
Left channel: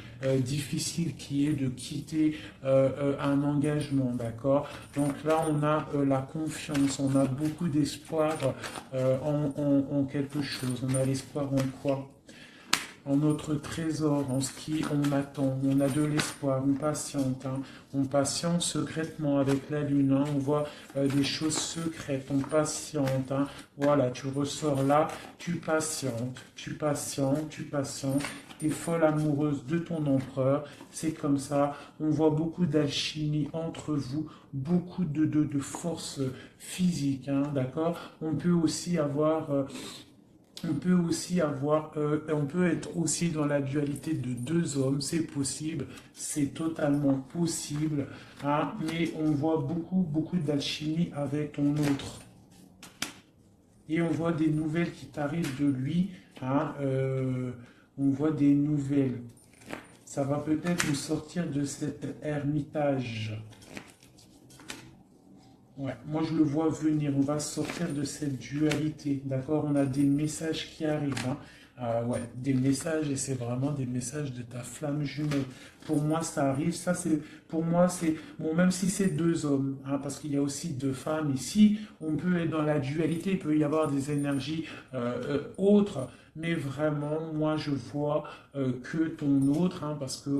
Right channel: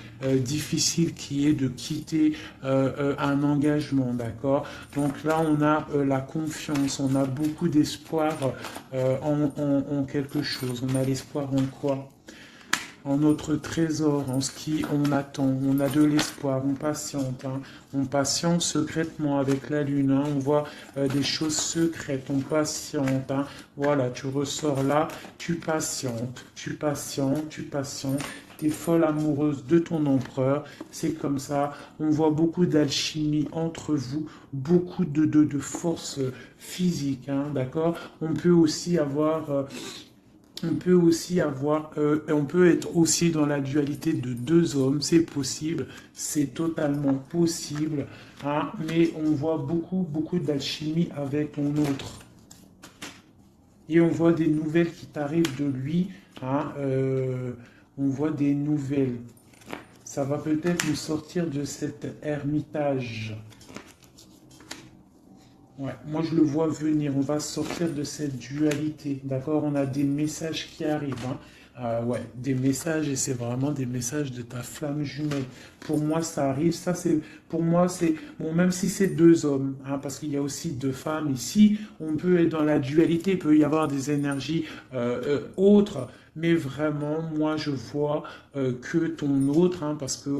difficile qui est de quitter un engagement, d'accord? Donc là, on a la confiance, on a beaucoup d'espoir en quelque chose. On a l'espoir en quoi? En notre trésor, en ce qui on attend, on a de l'espoir, on patiente, hein. On patiente secrètement avec la lune, hein. On voit des choses secrètes, on patiente, hein. Voilà, tu ressors là, tu patientes, tu patientes, tu patientes, tu es folle amoureuse de ton empereur, c'est comme ça, on voit beaucoup d'alchimie entre vous, beaucoup de force physique, hein, d'accord? On peut aussi avoir... on peut être aussi dans la dualité de deux hommes, c'est possible, c'est totalement possible, hein, mais on voit beaucoup d'alchimie avec ton autre. Et on voit des nouvelles qui t'arrivent de lui, hein, on voit des nouvelles. Ça va peut-être nous sortir de cet ermitage. Ouais, moi je le vois venir, on va sortir de cette dualité, d'accord? On a des messages qui arrivent, hein. Ouais, des messages, et c'est vraiment des messages de ta flamme jumelle. Pour moi, ça arrive, ça c'est, pour moi, c'est, bon, même si c'est deux hommes, hein, parce qu'il y a aussi deux femmes ici, on peut être dans la dualité, il peut y avoir des énergies autres, mais vraiment, moi, je vois que ton autre, hein, parce que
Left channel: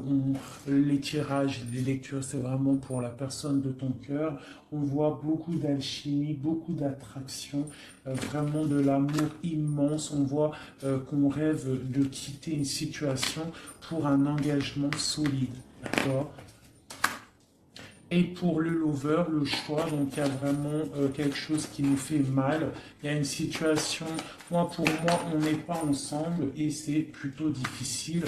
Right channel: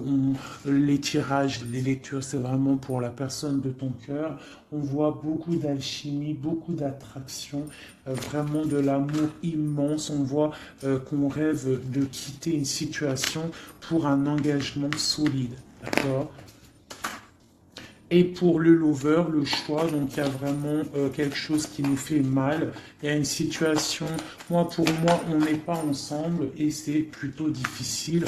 les tirages, les lectures, c'est vraiment pour la personne de ton cœur. On voit beaucoup d'alchimie, beaucoup d'attraction, vraiment de l'amour immense. On voit qu'on rêve de quitter une situation pour un engagement solide. D'accord. Et pour le lover, le choix, donc il y a vraiment quelque chose qui nous fait mal. Il y a une situation, moi pour moi, on n'est pas ensemble et c'est plutôt difficile.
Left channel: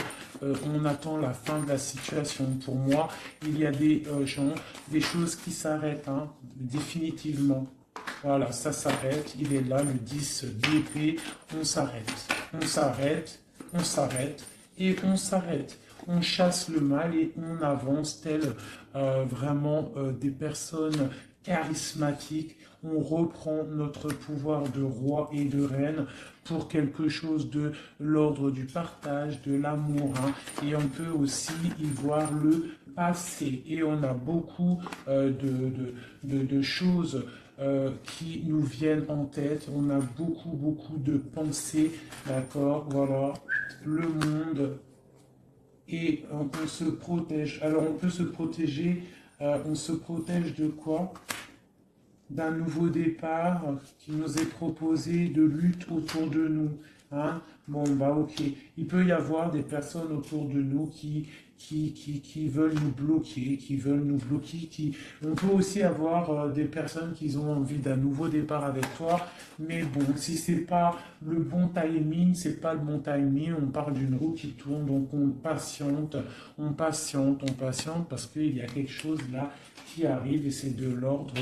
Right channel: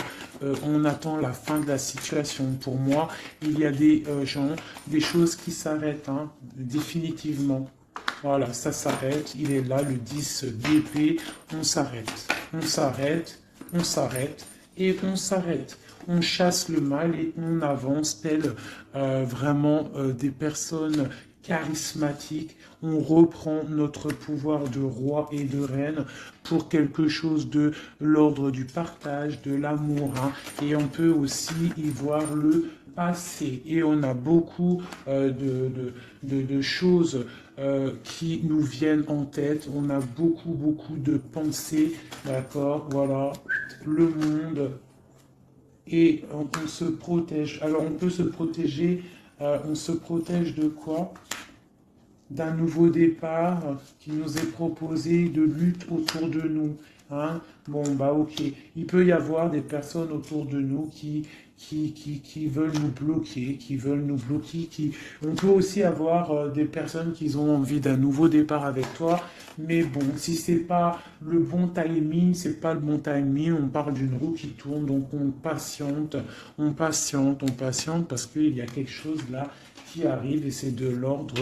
On attend la fin de la situation. Pour moi, il y a des gens, des choses qui s'arrêtent, hein, définitivement. Voilà, ça s'arrête. Il est là, le 10 d'épée. On s'arrête. On s'arrête. On s'arrête. Et on s'arrête. On chasse le mal et on avance tel vraiment des personnes charismatiques. On reprend notre pouvoir de roi et de reine pour quelque chose de l'ordre du partage, de l'amour. Hein. Et on peut aussi y voir le passé. Et on a beaucoup de choses qui nous viennent en tête. On a beaucoup de pensées. D'accord, voilà. Le monde. Et on se protège. Alors on peut se protéger, on se protège de quoi? D'un nouveau départ qui nous est proposé, de lutte autour de nous. Hein. Bon, bah ok. Il peut y avoir des personnes autour de nous qui veulent nous bloquer, qui veulent nous bloquer. On peut aussi avoir des personnes qui ont envie d'un nouveau départ avec toi. Mais bon, si c'est pas le bon timing, c'est pas le bon timing, on parle d'une roue qui tourne, donc on patiente, on patiente, on patiente, parce qu'il y a quelque chose là qui arrive et c'est de l'ordre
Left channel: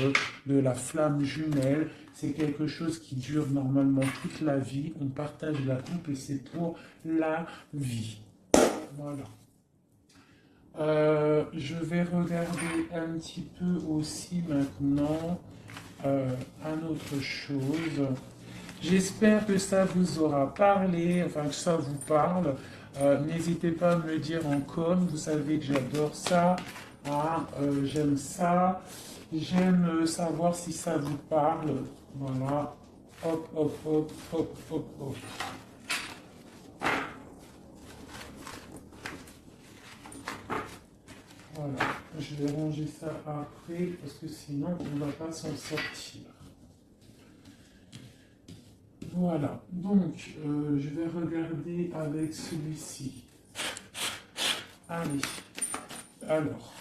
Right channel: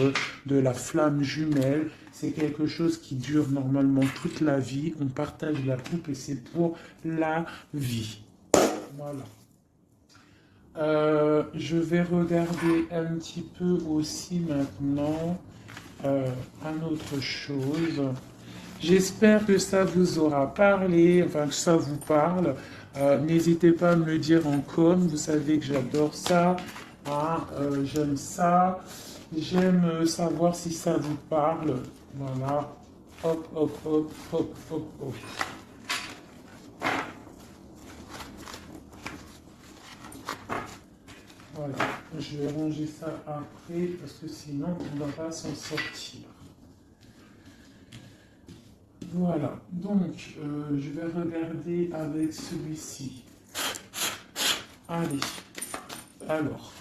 de la flamme jumelle. C'est quelque chose qui dure normalement toute la vie. On partage la coupe et c'est pour la vie. Voilà. Je vais regarder un petit peu aussi maintenant une autre chose. J'espère que ça vous aura parlé, enfin que ça vous parle. N'hésitez pas à me le dire en com, vous savez que j'adore ça. Voilà, j'aime ça. J'aime savoir si ça vous parle. Voilà. Hop, hop, hop, hop, hop, hop. Voilà. Je vais ranger ça après parce que sinon on ne va pas s'en sortir. Voilà, donc je vais regarder avec celui-ci. Allez, alors,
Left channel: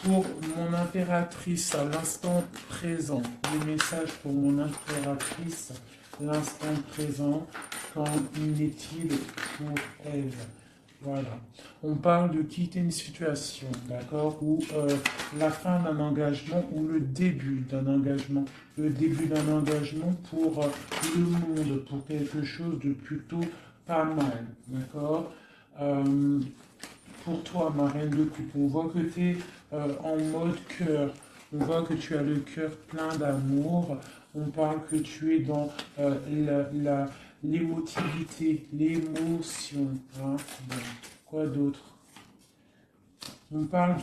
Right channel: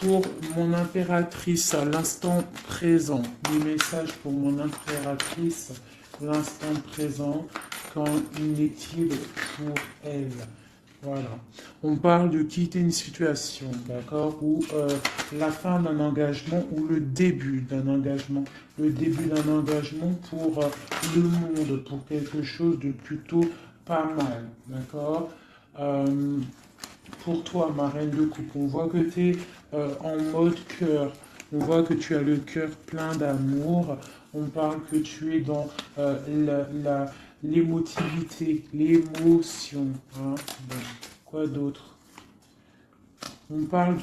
pour mon impératrice à l'instant présent, les messages pour mon impératrice, l'instant présent, qu'en est-il pour elle? Voilà. On parle de quitter une situation, d'accord, ou la fin d'un engagement ou le début d'un engagement. Le début d'un engagement pour le monde, pour quelque chose de plutôt pas mal, d'accord. Pour toi, ma reine de coupe, on voit que tu es en mode cœur. On voit que tu as le cœur plein d'amour. On parle que tu es dans l'émotivité, l'émotion. Hein. Bon. Quoi d'autre? On parle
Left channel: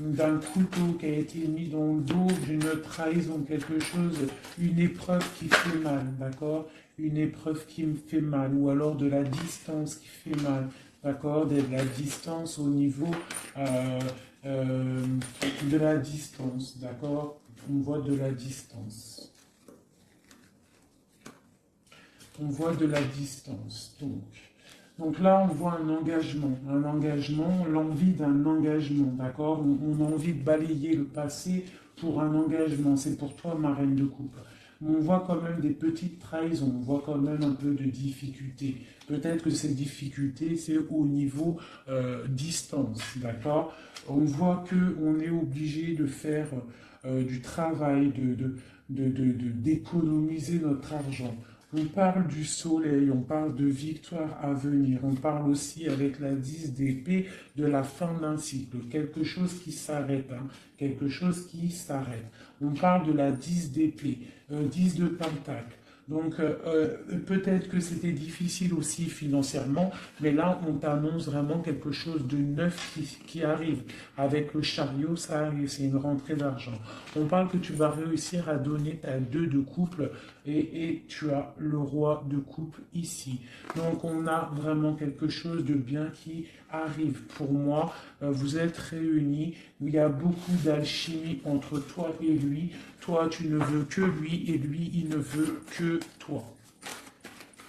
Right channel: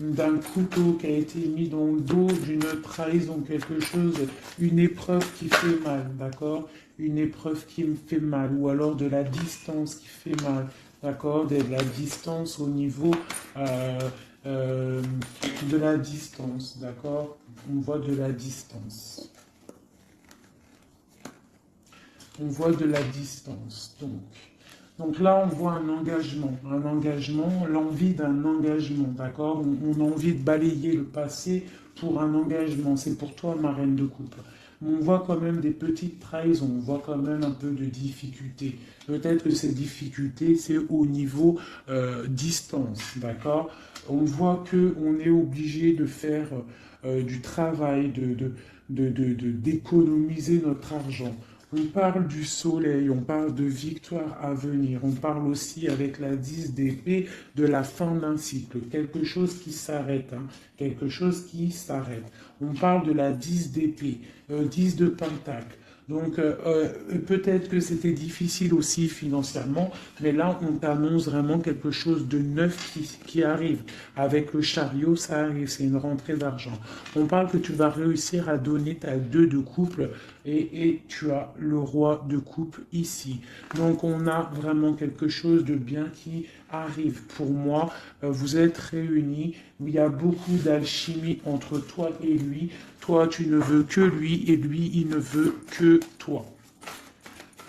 d'un couteau qui a été mis dans le dos, d'une trahison, quelque chose, une épreuve qui fait mal, d'accord? Une épreuve qui me fait mal, ou alors de la distance qui fait mal, d'accord? De la distance au niveau de la distance, d'accord? On voit de la distance. On voit de la distance, donc là, on voit un engagement, l'envie d'un engagement, d'accord? On a envie de balayer le passé pour un engagement. C'est pour toi, ma reine de coupe. On voit quand même des petites trahisons, on voit quand même un peu de difficultés. Peut-être que ces difficultés, c'est au niveau distance, d'accord? On voit qu'on est obligé de faire du travail, d'économiser notre argent. On parle du soleil, on parle de victoire à venir, on parle aussi avec la 10 d'épée de la fin d'un cycle, quelque chose qui s'arrête, hein, quelque chose qui s'arrête. On parle de la 10 d'épée, 10 de pentacle, Donc, peut-être que c'était difficile aussi financièrement, mais là, on t'annonce vraiment quelque chose de neuf qui arrive. Avec le chariot, ça arrive, c'est une rentrée d'argent. On parle que tu vas réussir à donner ta 2 de couple et tu as le roi de coupe ici. Donc, on a vraiment quelque chose de bien qui arrive. Pour moi, vous êtes réunis, il y a beaucoup d'alchimie entre toi et lui. Toi, tu ne veux que lui et lui, il ne veut que toi.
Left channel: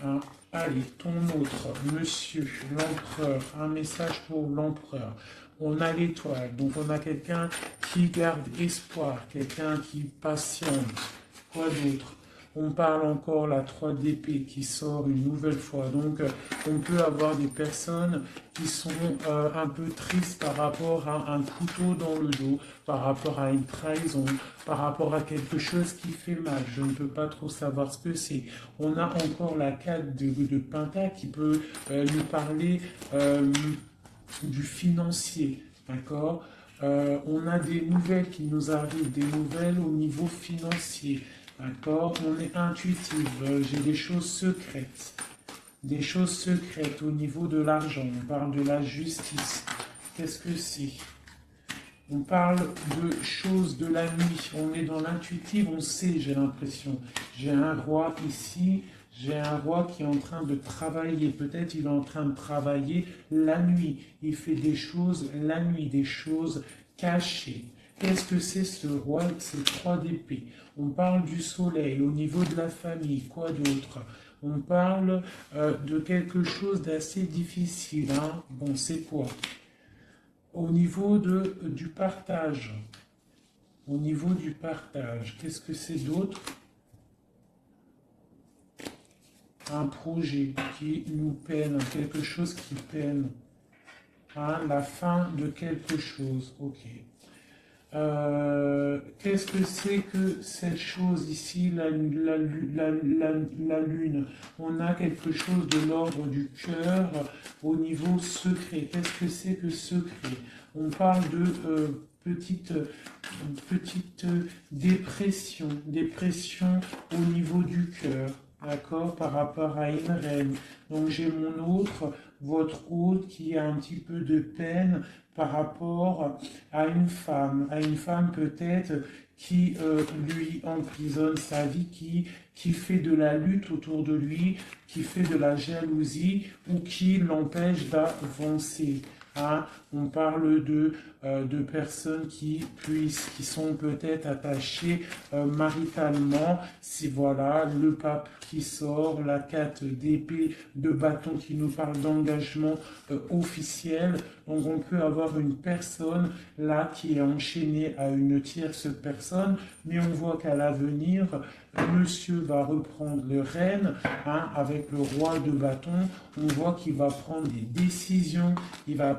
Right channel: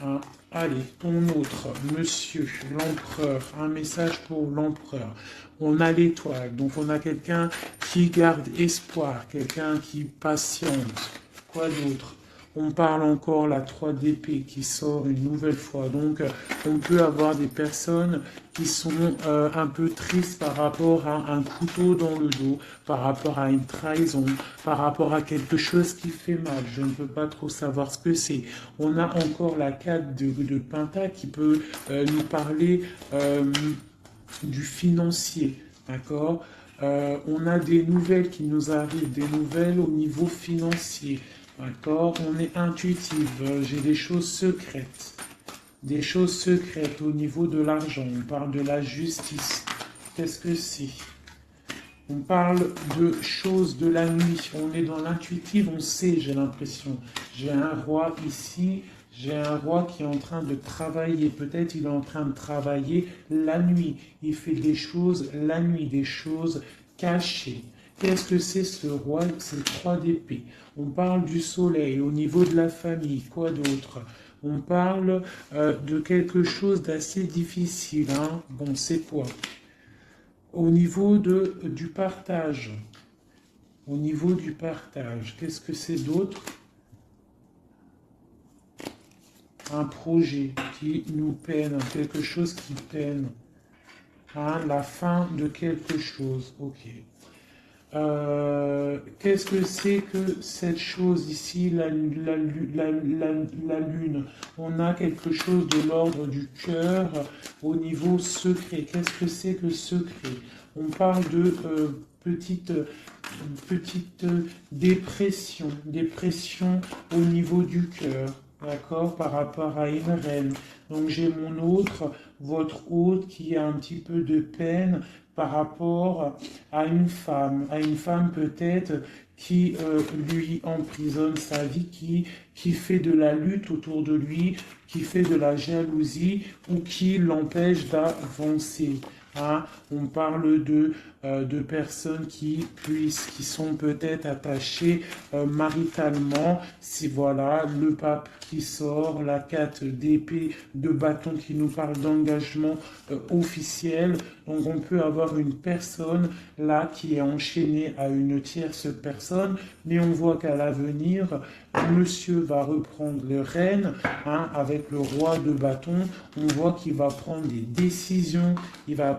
Hein? Allez, ton autre, monsieur, l'empereur, un message pour l'empereur. On a l'étoile, donc on a quelqu'un qui garde espoir, quelqu'un qui patiente. Quoi d'autre? On parle encore la 3 d'épée qui sort une nouvelle fois. Donc, on peut avoir des personnes qui sont un peu tristes par rapport à un couteau dans le dos, par rapport à une trahison, par rapport à quelque chose qui fait mal. Je ne peux pas trop savoir ce que c'est. On a encore la 4 de Penta qui peut nous parler du financier, d'accord? On a des nouvelles qui nous arrivent, des nouvelles au niveau financier. D'accord? On est intuitif. J'ai des choses secrètes. Des choses secrètes au niveau de l'argent. On parle de la justice. Qu'est-ce que c'est? On parle de choses de la nuit. On est dans l'intuitif, on sait, j'ai l'impression. J'ai un roi ici. J'ai un roi qui est en train de travailler. Peut-être il est en train de travailler la nuit. Il fait des choses la nuit, des choses cachées. Qu'est-ce que c'est ce roi? C'est 3 d'épée. On parle du soleil au niveau de la famille. Quoi d'autre? On parle de quelque chose d'assez difficile. Hein? Bon, c'est quoi? Au niveau du partage. Au niveau du partage. Qu'est-ce que c'est d'autre? Un projet qui nous peine. Quelque chose qui peine. Hein? La fin de quelque chose. Ok. Qu'est-ce que c'est que cette chose ici, la lune? On a quelque chose de l'ordre du cœur au niveau secret. Qu'est-ce que c'est que secret? On parle de petite dépression, dépression au niveau du cœur, d'accord, par rapport à une reine. Donc j'ai mon autre, votre hôte qui a un petit peu de peine par rapport à une femme peut-être qui lui emprisonne sa vie, qui fait de la lutte autour de lui, qui fait de la jalousie ou qui l'empêche d'avancer. Hein? On parle de personnes qui sont peut-être attachées maritalement. C'est voilà le pape qui sort, la 4 d'épée de bâton qui nous parle d'engagement officiel. Donc on peut avoir une personne là qui est enchaînée à une tierce personne, mais on voit qu'à l'avenir, monsieur va reprendre le règne avec le roi de bâton. On voit qu'il va prendre des décisions, il va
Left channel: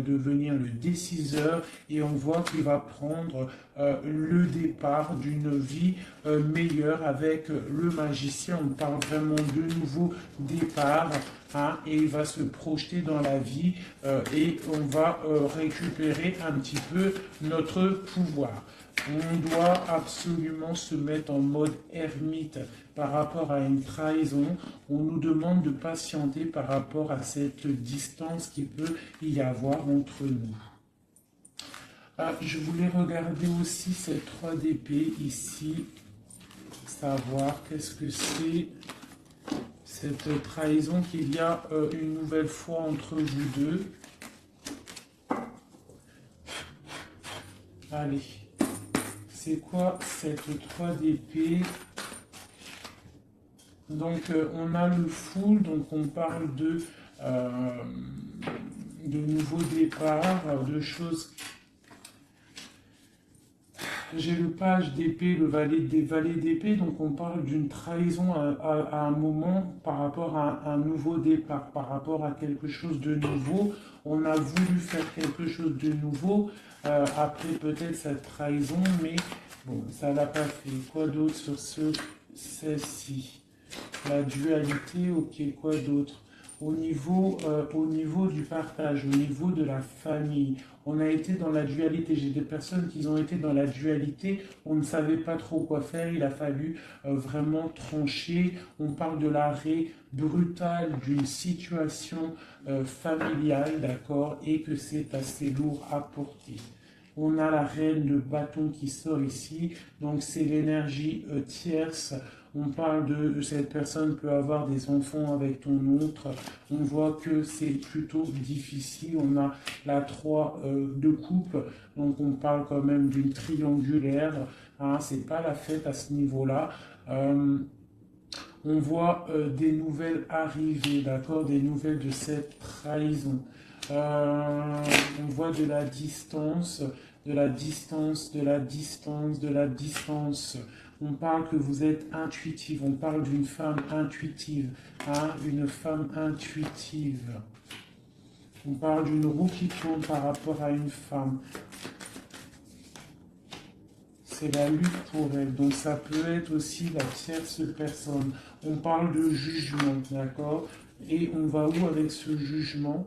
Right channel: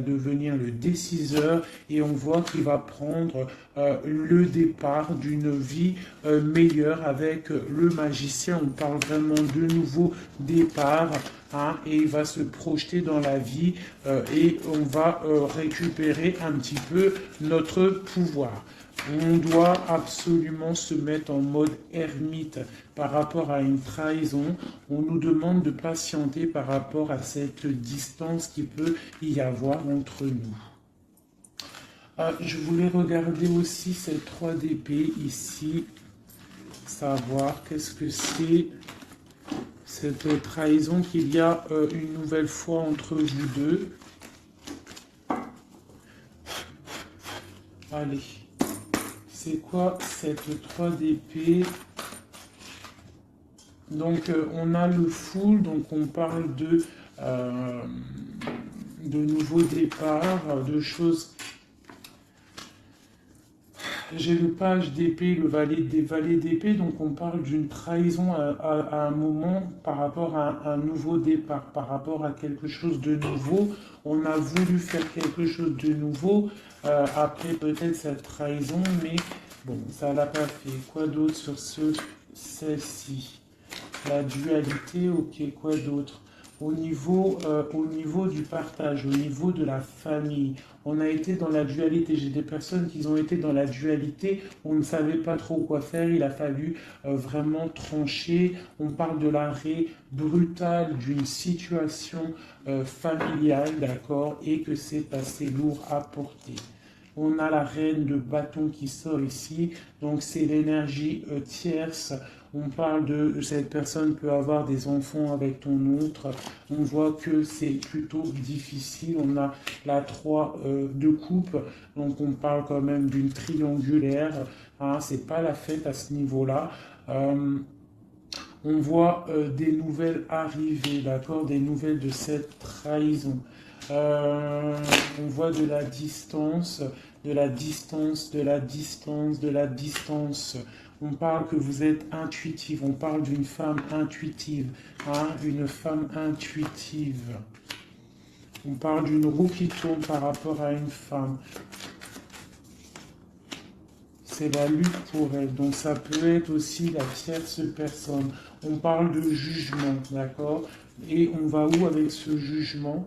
devenir le déciseur et on voit qu'il va prendre le départ d'une vie meilleure avec le magicien. On parle vraiment de nouveau départ. Et il va se projeter dans la vie et on va récupérer un petit peu notre pouvoir. On doit absolument se mettre en mode ermite par rapport à une trahison. On nous demande de patienter par rapport à cette distance qui peut y avoir entre nous. Je voulais regarder aussi ces 3 d'épée ici, savoir qu'est-ce que c'est cette trahison qu'il y a une nouvelle fois entre vous deux. Allez. C'est quoi cette 3 d'épée? Donc on a le full, donc on parle de nouveaux départs, de choses. J'ai le page d'épée, le valet d'épée, donc on parle d'une trahison à un moment par rapport à un nouveau départ, par rapport à quelque chose de nouveau. On a voulu faire quelque chose de nouveau après peut-être cette trahison, mais bon, ça l'a pas fait. Quoi d'autre sur celle-ci? La dualité, ok, quoi d'autre? au niveau du partage, au niveau de la famille. On a été dans la dualité. J'ai des personnes qui ont été dans la dualité. On ne savait pas trop quoi faire. Il a fallu vraiment trancher. On parle de l'arrêt brutal d'une situation familiale, d'accord, et que c'est assez lourd à porter. On a la reine de bâton qui sort ici, donc c'est l'énergie tierce. On parle de cette personne peut avoir des enfants avec ton autre. On voit que c'est plutôt difficile. On a la 3 de coupe, donc on parle quand même d'une triangulaire. Hein, c'est pas la fête à ce niveau-là. On voit des nouvelles arriver, d'accord, des nouvelles de cette trahison. On voit de la distance, de la distance, de la distance, de la distance. On parle que vous êtes intuitif, on parle d'une femme intuitive, hein, une femme intuitive. On parle d'une roue qui tourne par rapport à une femme. C'est la lutte pour elle, donc ça peut être aussi la tierce personne. On parle de jugement, d'accord? Et on va où avec ce jugement?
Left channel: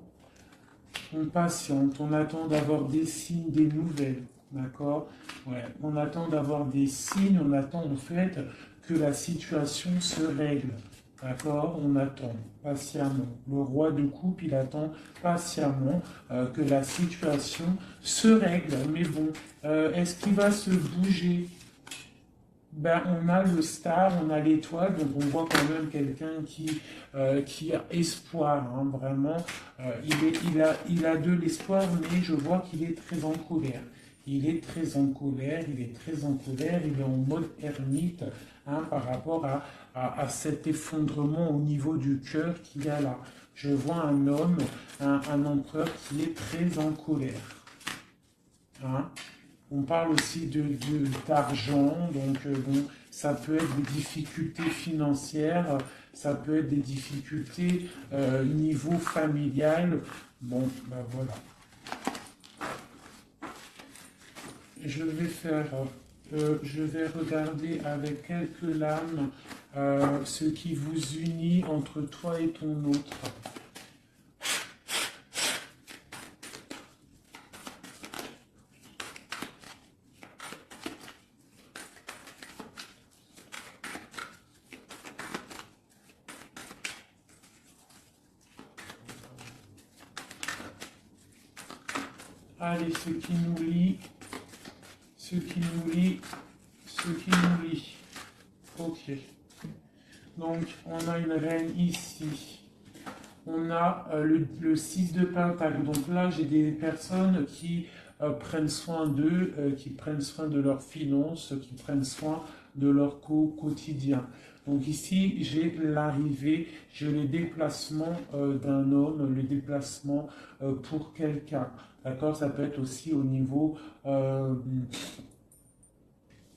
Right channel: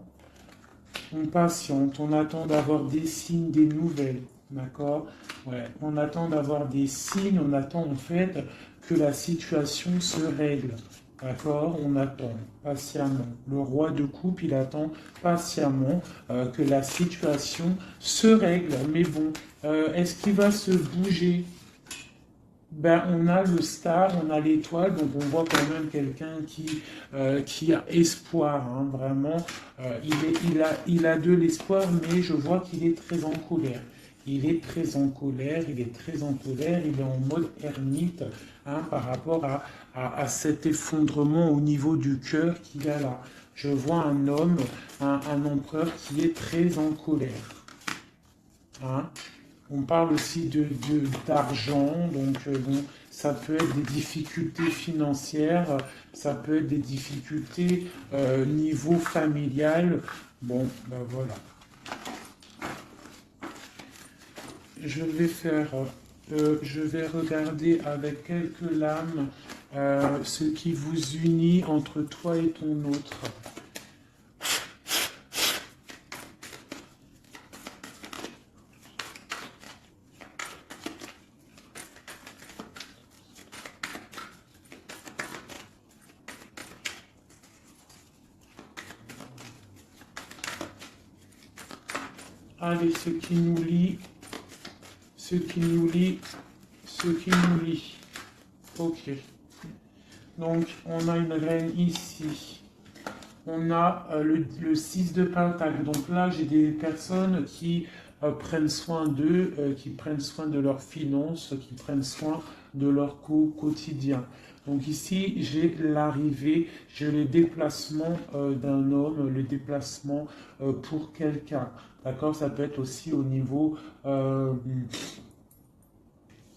On patiente, on attend d'avoir des signes, des nouvelles, d'accord? Ouais, on attend d'avoir des signes, on attend en fait que la situation se règle, d'accord? On attend patiemment. Le roi de coupe, il attend patiemment que la situation se règle. Mais bon, est-ce qu'il va se bouger? Ben, on a le star, on a l'étoile, donc on voit quand même quelqu'un qui a espoir, hein, vraiment. Il a de l'espoir, mais je vois qu'il est très en colère. Il est très en colère, il est très en colère, il est en mode ermite, hein, par rapport à cet effondrement au niveau du cœur qu'il a là. Je vois un homme, un empereur qui est très en colère. Hein. On parle aussi d'argent, donc bon, ça peut être des difficultés financières, ça peut être des difficultés niveau familial. Bon, ben voilà. Je vais regarder avec quelques lames ce qui vous unit entre toi et ton autre. Allez, ce qui nous lie, ce qui nous lie, ce qui nous lie. Ok. Donc, on a une reine ici. On a le 6 de Pentacle. Donc là, j'ai des personnes qui prennent soin d'eux, qui prennent soin de leurs finances, qui prennent soin de leur quotidien. Donc ici, j'ai l'arrivée, j'ai le déplacement d'un homme, le déplacement pour quelqu'un. D'accord? Ça peut être aussi au niveau...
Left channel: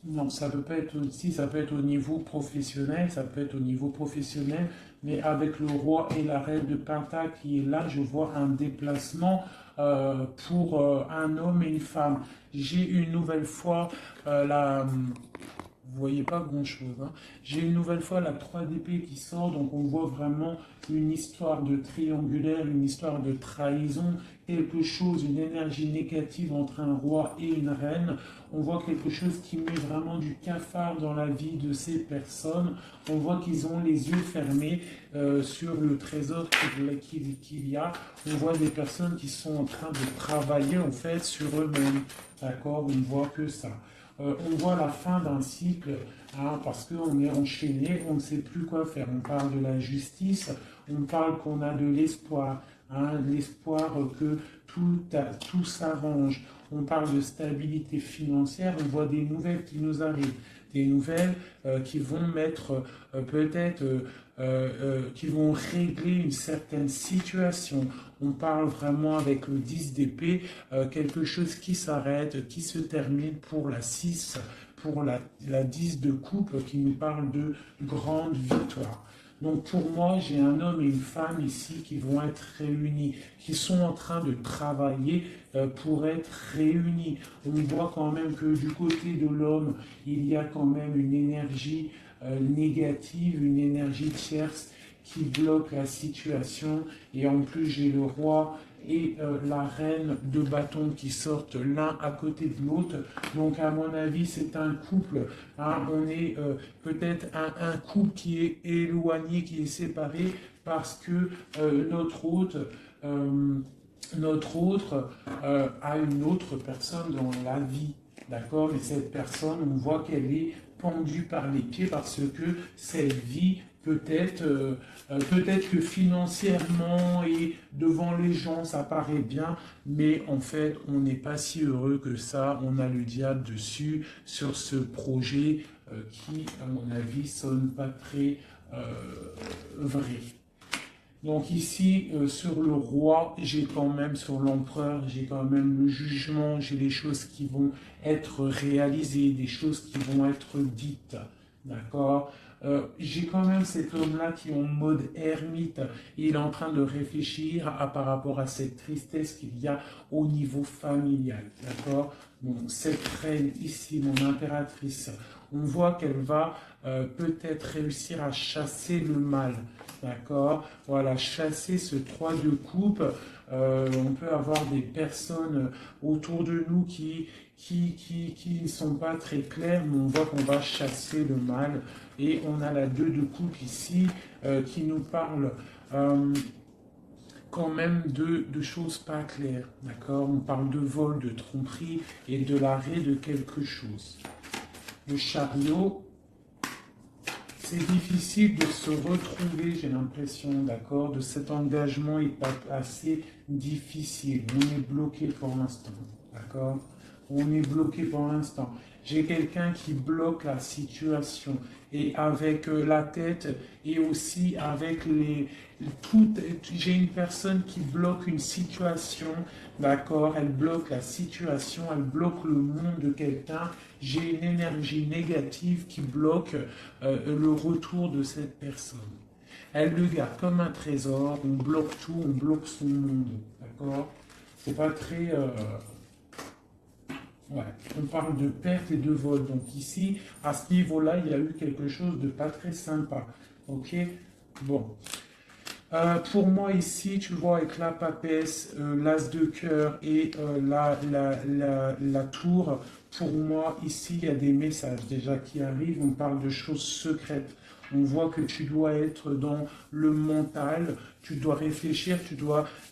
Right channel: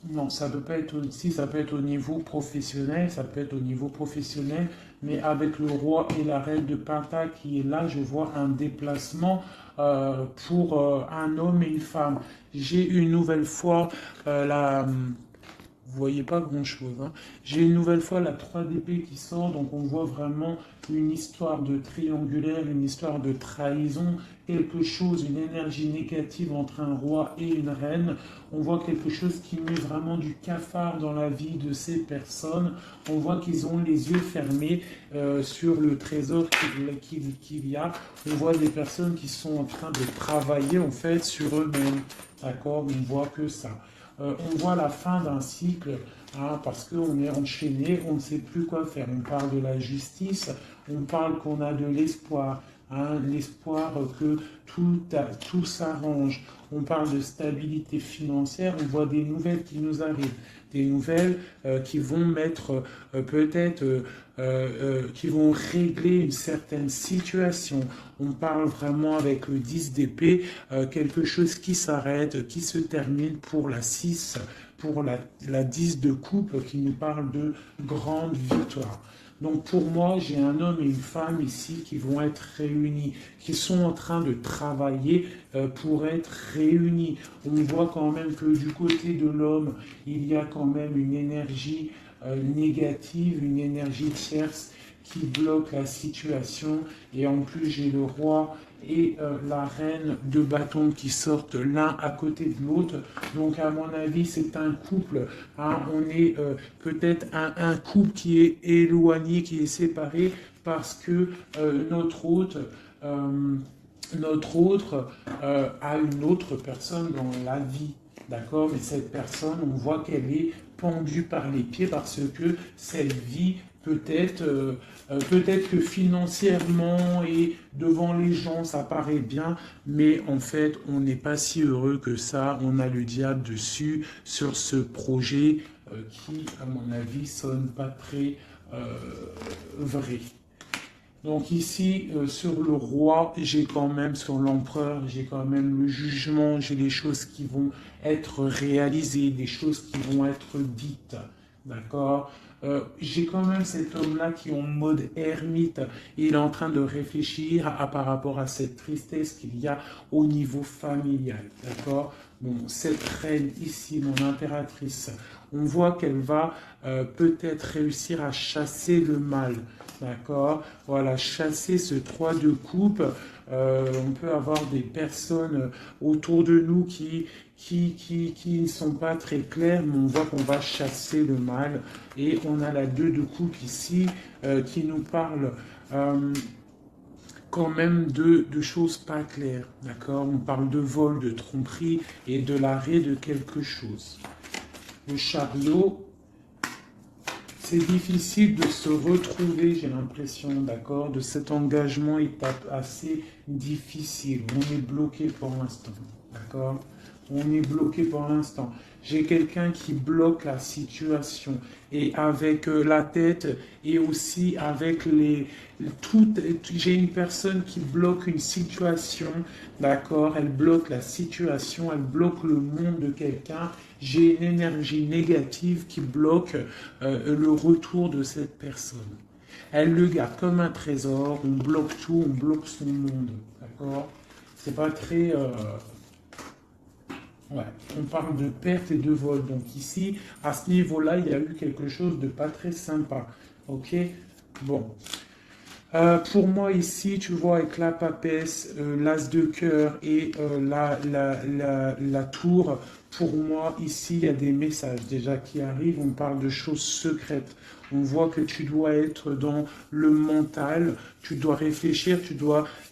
non, ça peut pas être aussi, ça peut être au niveau professionnel, ça peut être au niveau professionnel, mais avec le roi et la reine de Pentacle qui est là, je vois un déplacement pour un homme et une femme. J'ai une nouvelle fois vous voyez pas grand-chose. Hein. J'ai une nouvelle fois la 3 d'épée qui sort, donc on voit vraiment une histoire de triangulaire, une histoire de trahison, quelque chose, une énergie négative entre un roi et une reine. On voit quelque chose qui met vraiment du cafard dans la vie de ces personnes. On voit qu'ils ont les yeux fermés sur le trésor qu'il y a. On voit des personnes qui sont en train de travailler en fait sur eux-mêmes. D'accord? On voit que ça. On voit la fin d'un cycle, hein, parce qu'on est enchaîné, on ne sait plus quoi faire. On parle de la justice, on parle qu'on a de l'espoir, hein, l'espoir que tout s'arrange. On parle de stabilité financière, on voit des nouvelles qui nous arrivent, des nouvelles qui vont mettre peut-être... qui vont régler une certaine situation. On parle vraiment avec le 10 d'épée, quelque chose qui s'arrête, qui se termine pour la 6, pour la 10 de coupe, qui nous parle de grande victoire. Donc pour moi, j'ai un homme et une femme ici qui vont être réunis, qui sont en train de travailler pour être réunis. On voit quand même que du côté de l'homme, il y a quand même une énergie négative, une énergie tierce qui bloque la situation. Et en plus, j'ai le roi et la reine de bâton qui sortent l'un à côté de l'autre. Donc, à mon avis, c'est un couple. Hein, on est peut-être un couple qui est éloigné, qui est séparé parce que notre autre a une autre personne dans la vie. D'accord? Et cette personne, on voit qu'elle est pendue par les pieds parce que cette vie, peut-être que financièrement et devant les gens, ça paraît bien, mais en fait, on n'est pas si heureux que ça. On a le diable dessus sur ce projet qui, à mon avis, sonne pas très vrai. Donc ici, sur le roi, j'ai quand même, sur l'empereur, j'ai quand même le jugement, j'ai des choses qui vont être réalisées, des choses qui vont être dites. D'accord? J'ai quand même cet homme-là qui est en mode ermite. Il est en train de réfléchir par rapport à cette tristesse qu'il y a au niveau familial. D'accord? Bon, cette reine ici, mon impératrice, on voit qu'elle va peut-être réussir à chasser le mal. D'accord? Voilà, chasser ce 3 de coupe. On peut avoir des personnes autour de nous qui ne sont pas très claires, mais on voit qu'on va chasser le mal. Et on a la 2 de coupe ici qui nous parle quand même de choses pas claires. D'accord? On parle de vol, de tromperie et de l'arrêt de quelque chose. Le chariot. C'est difficile de se retrouver, j'ai l'impression, d'accord, de cet engagement est assez difficile. On est bloqué pour l'instant, d'accord? On est bloqué pour l'instant. J'ai quelqu'un qui bloque la situation et avec la tête et aussi avec j'ai une personne qui bloque une situation, d'accord? Elle bloque la situation, elle bloque le monde de quelqu'un. J'ai une énergie négative qui bloque le retour de cette personne. Elle le garde comme un trésor, on bloque tout, on bloque son monde, d'accord? C'est pas très... Voilà. On parle de perte et de vol. Donc ici, à ce niveau-là, il y a eu quelque chose de pas très sympa. Ok? Bon. Pour moi ici, tu vois, avec la papesse, l'as de cœur et la tour, pour moi ici, il y a des messages déjà qui arrivent. On parle de choses secrètes. On voit que tu dois être dans le mental, tu dois réfléchir,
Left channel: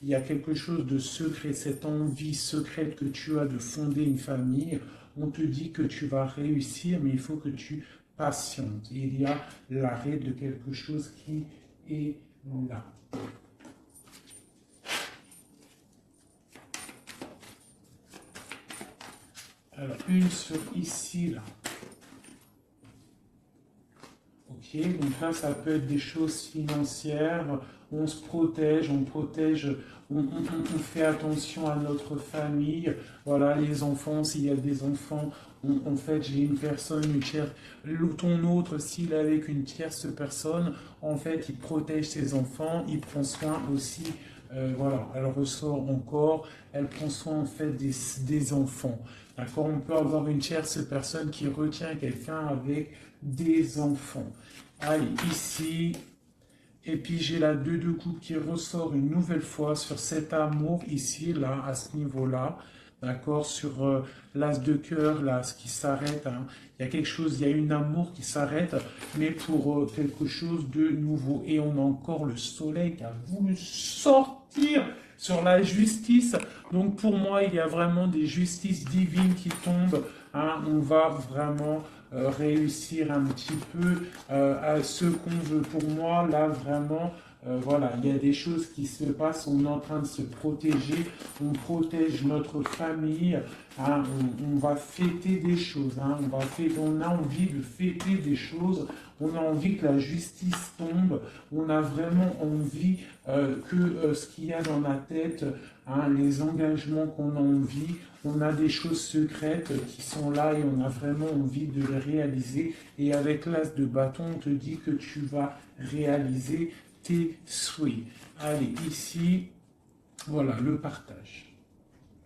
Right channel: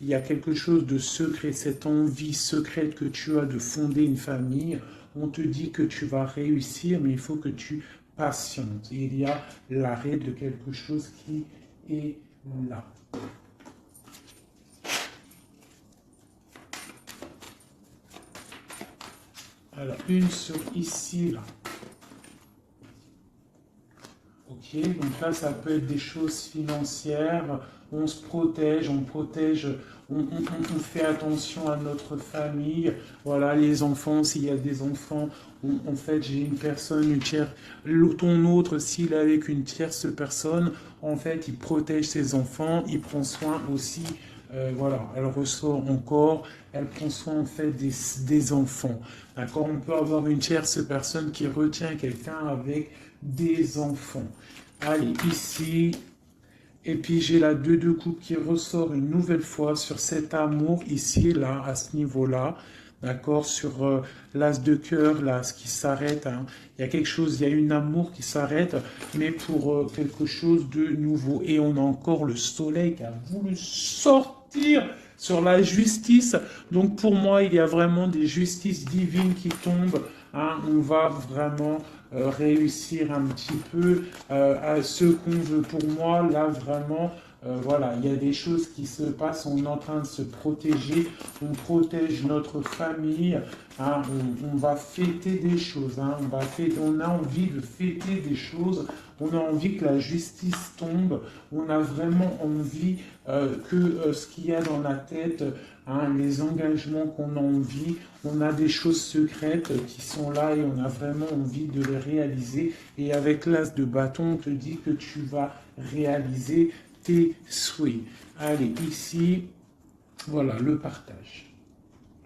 il y a quelque chose de secret, cette envie secrète que tu as de fonder une famille. On te dit que tu vas réussir, mais il faut que tu patientes. Il y a l'arrêt de quelque chose qui est là. Alors, une sur ici, là. Ok, donc là, ça peut être des choses financières. On se protège, on fait attention à notre famille. Voilà, les enfants, s'il y a des enfants, en fait, j'ai une personne, ton autre, s'il est avec une tierce personne, en fait, il protège ses enfants, il prend soin aussi. Voilà, elle ressort encore, elle prend soin en fait des enfants. D'accord, on peut avoir une tierce personne qui retient quelqu'un avec des enfants. Allez, ici, et puis j'ai la 2 de coupe qui ressort une nouvelle fois sur cet amour ici, là, à ce niveau-là. D'accord, sur l'as de cœur, là, ce qui s'arrête. Hein. Il y a quelque chose, il y a une amour qui s'arrête, mais pour quelque chose de nouveau. Et on a encore le soleil qui a voulu sortir sur la justice. Donc pour moi, il y a vraiment des justices divines qui tombent. Hein. On va vraiment réussir un petit peu à ce qu'on veut. Pour moi, là, vraiment, voilà, il y a des choses qui se passent, on est en train de se protéger, on protège notre famille, hein, on va fêter des choses, hein, on a envie de fêter des choses, on a envie que la justice tombe, on a vraiment envie que ce qu'il y a dans la tête, hein, les engagements qu'on a envie, on a des choses secrètes qui sont là et on a vraiment envie de les réaliser. Et avec l'as de bâton, on te dit que tu vas réaliser tes souhaits. Allez, ici, voilà, le partage.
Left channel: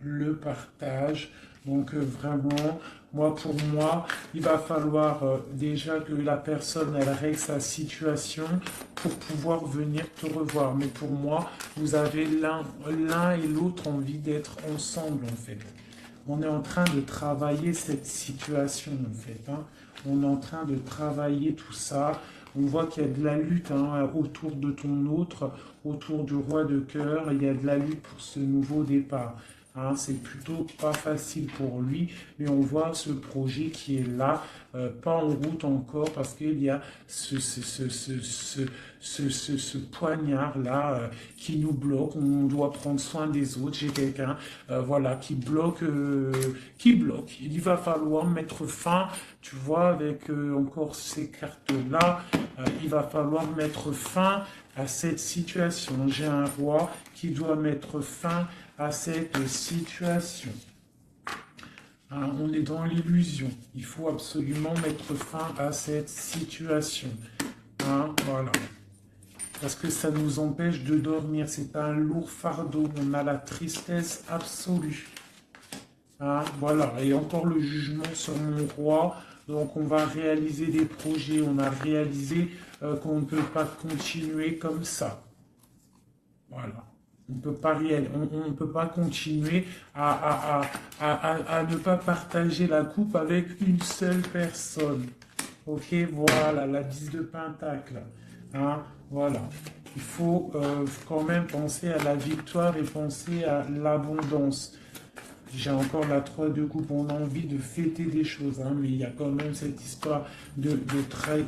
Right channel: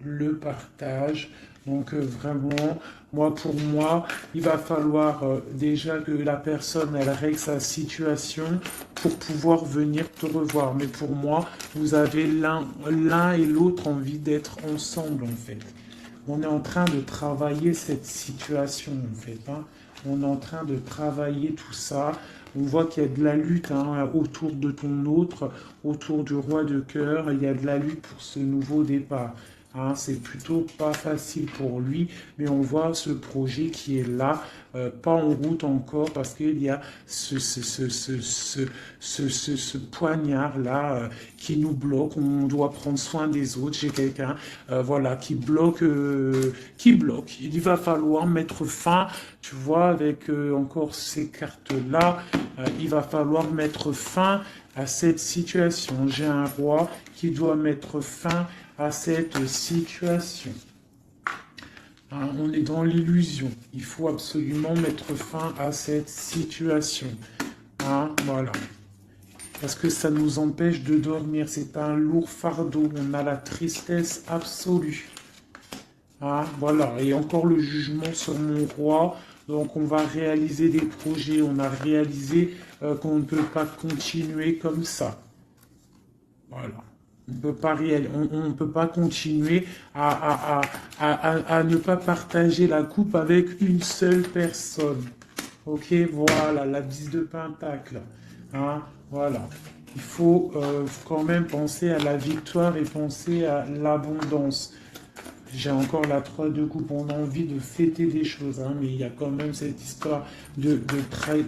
Le partage, Donc vraiment, pour moi, il va falloir déjà que la personne elle règle sa situation pour pouvoir venir te revoir. Mais pour moi, vous avez l'un et l'autre envie d'être ensemble en fait. On est en train de travailler cette situation en fait, hein. On est en train de travailler tout ça. On voit qu'il y a de la lutte hein, autour de ton autre, autour du roi de cœur. Il y a de la lutte pour ce nouveau départ. Hein, c'est plutôt pas facile pour lui, mais on voit ce projet qui est là, pas en route encore, parce qu'il y a ce poignard-là qui nous bloque. On doit prendre soin des autres. J'ai quelqu'un voilà, qui bloque, qui bloque. Il va falloir mettre fin, tu vois, avec encore ces cartes-là, il va falloir mettre fin à cette situation. J'ai un roi qui doit mettre fin à cette situation. Alors, on est dans l'illusion. Il faut absolument mettre fin à cette situation. Hein, voilà. Parce que ça nous empêche de dormir. C'est un lourd fardeau. On a la tristesse absolue. Hein, voilà. Et encore le jugement sur mon roi. Donc on va réaliser des projets. On a réalisé qu'on ne peut pas continuer comme ça. Voilà. On ne peut pas continuer à ne pas partager la coupe avec une seule personne. Ok, voilà, la 10 de pentacle. Hein, voilà. Il faut quand même penser à la victoire et penser à l'abondance. J'ai encore la 3 de coupe, on a envie de fêter des choses, hein, mais il y a quand même cette histoire de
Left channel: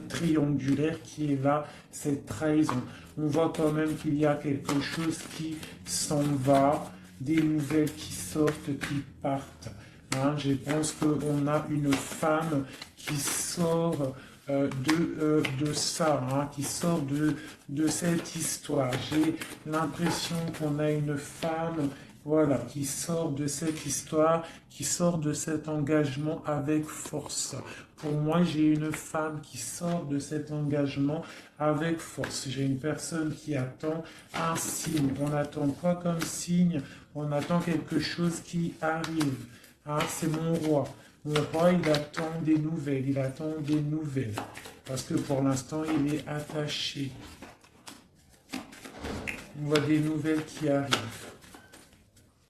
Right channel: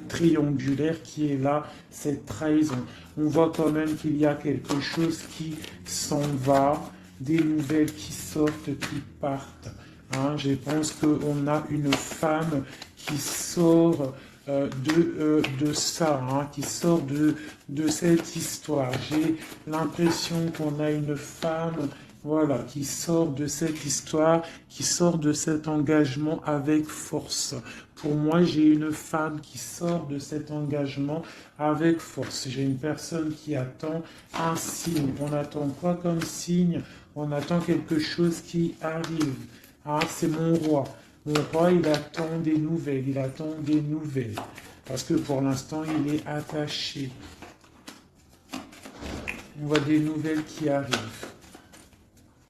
triangulaire qui est là, cette trahison. On voit quand même qu'il y a quelque chose qui s'en va, des nouvelles qui sortent, qui partent. Hein. Je pense qu'on a une femme qui sort de ça, hein, qui sort de cette histoire. J'ai l'impression qu'on a une femme voilà, qui sort de cette histoire, qui sort de cet engagement avec force. Pour moi, j'ai une femme qui sort de cet engagement avec force. J'ai une personne qui attend un signe. On n'attend pas comme signe, on attend quelque chose qui arrive. Ah, c'est mon roi. Mon roi, il attend des nouvelles, il attend des nouvelles. Parce que pour l'instant, il est attaché. On voit des nouvelles qui arrivent.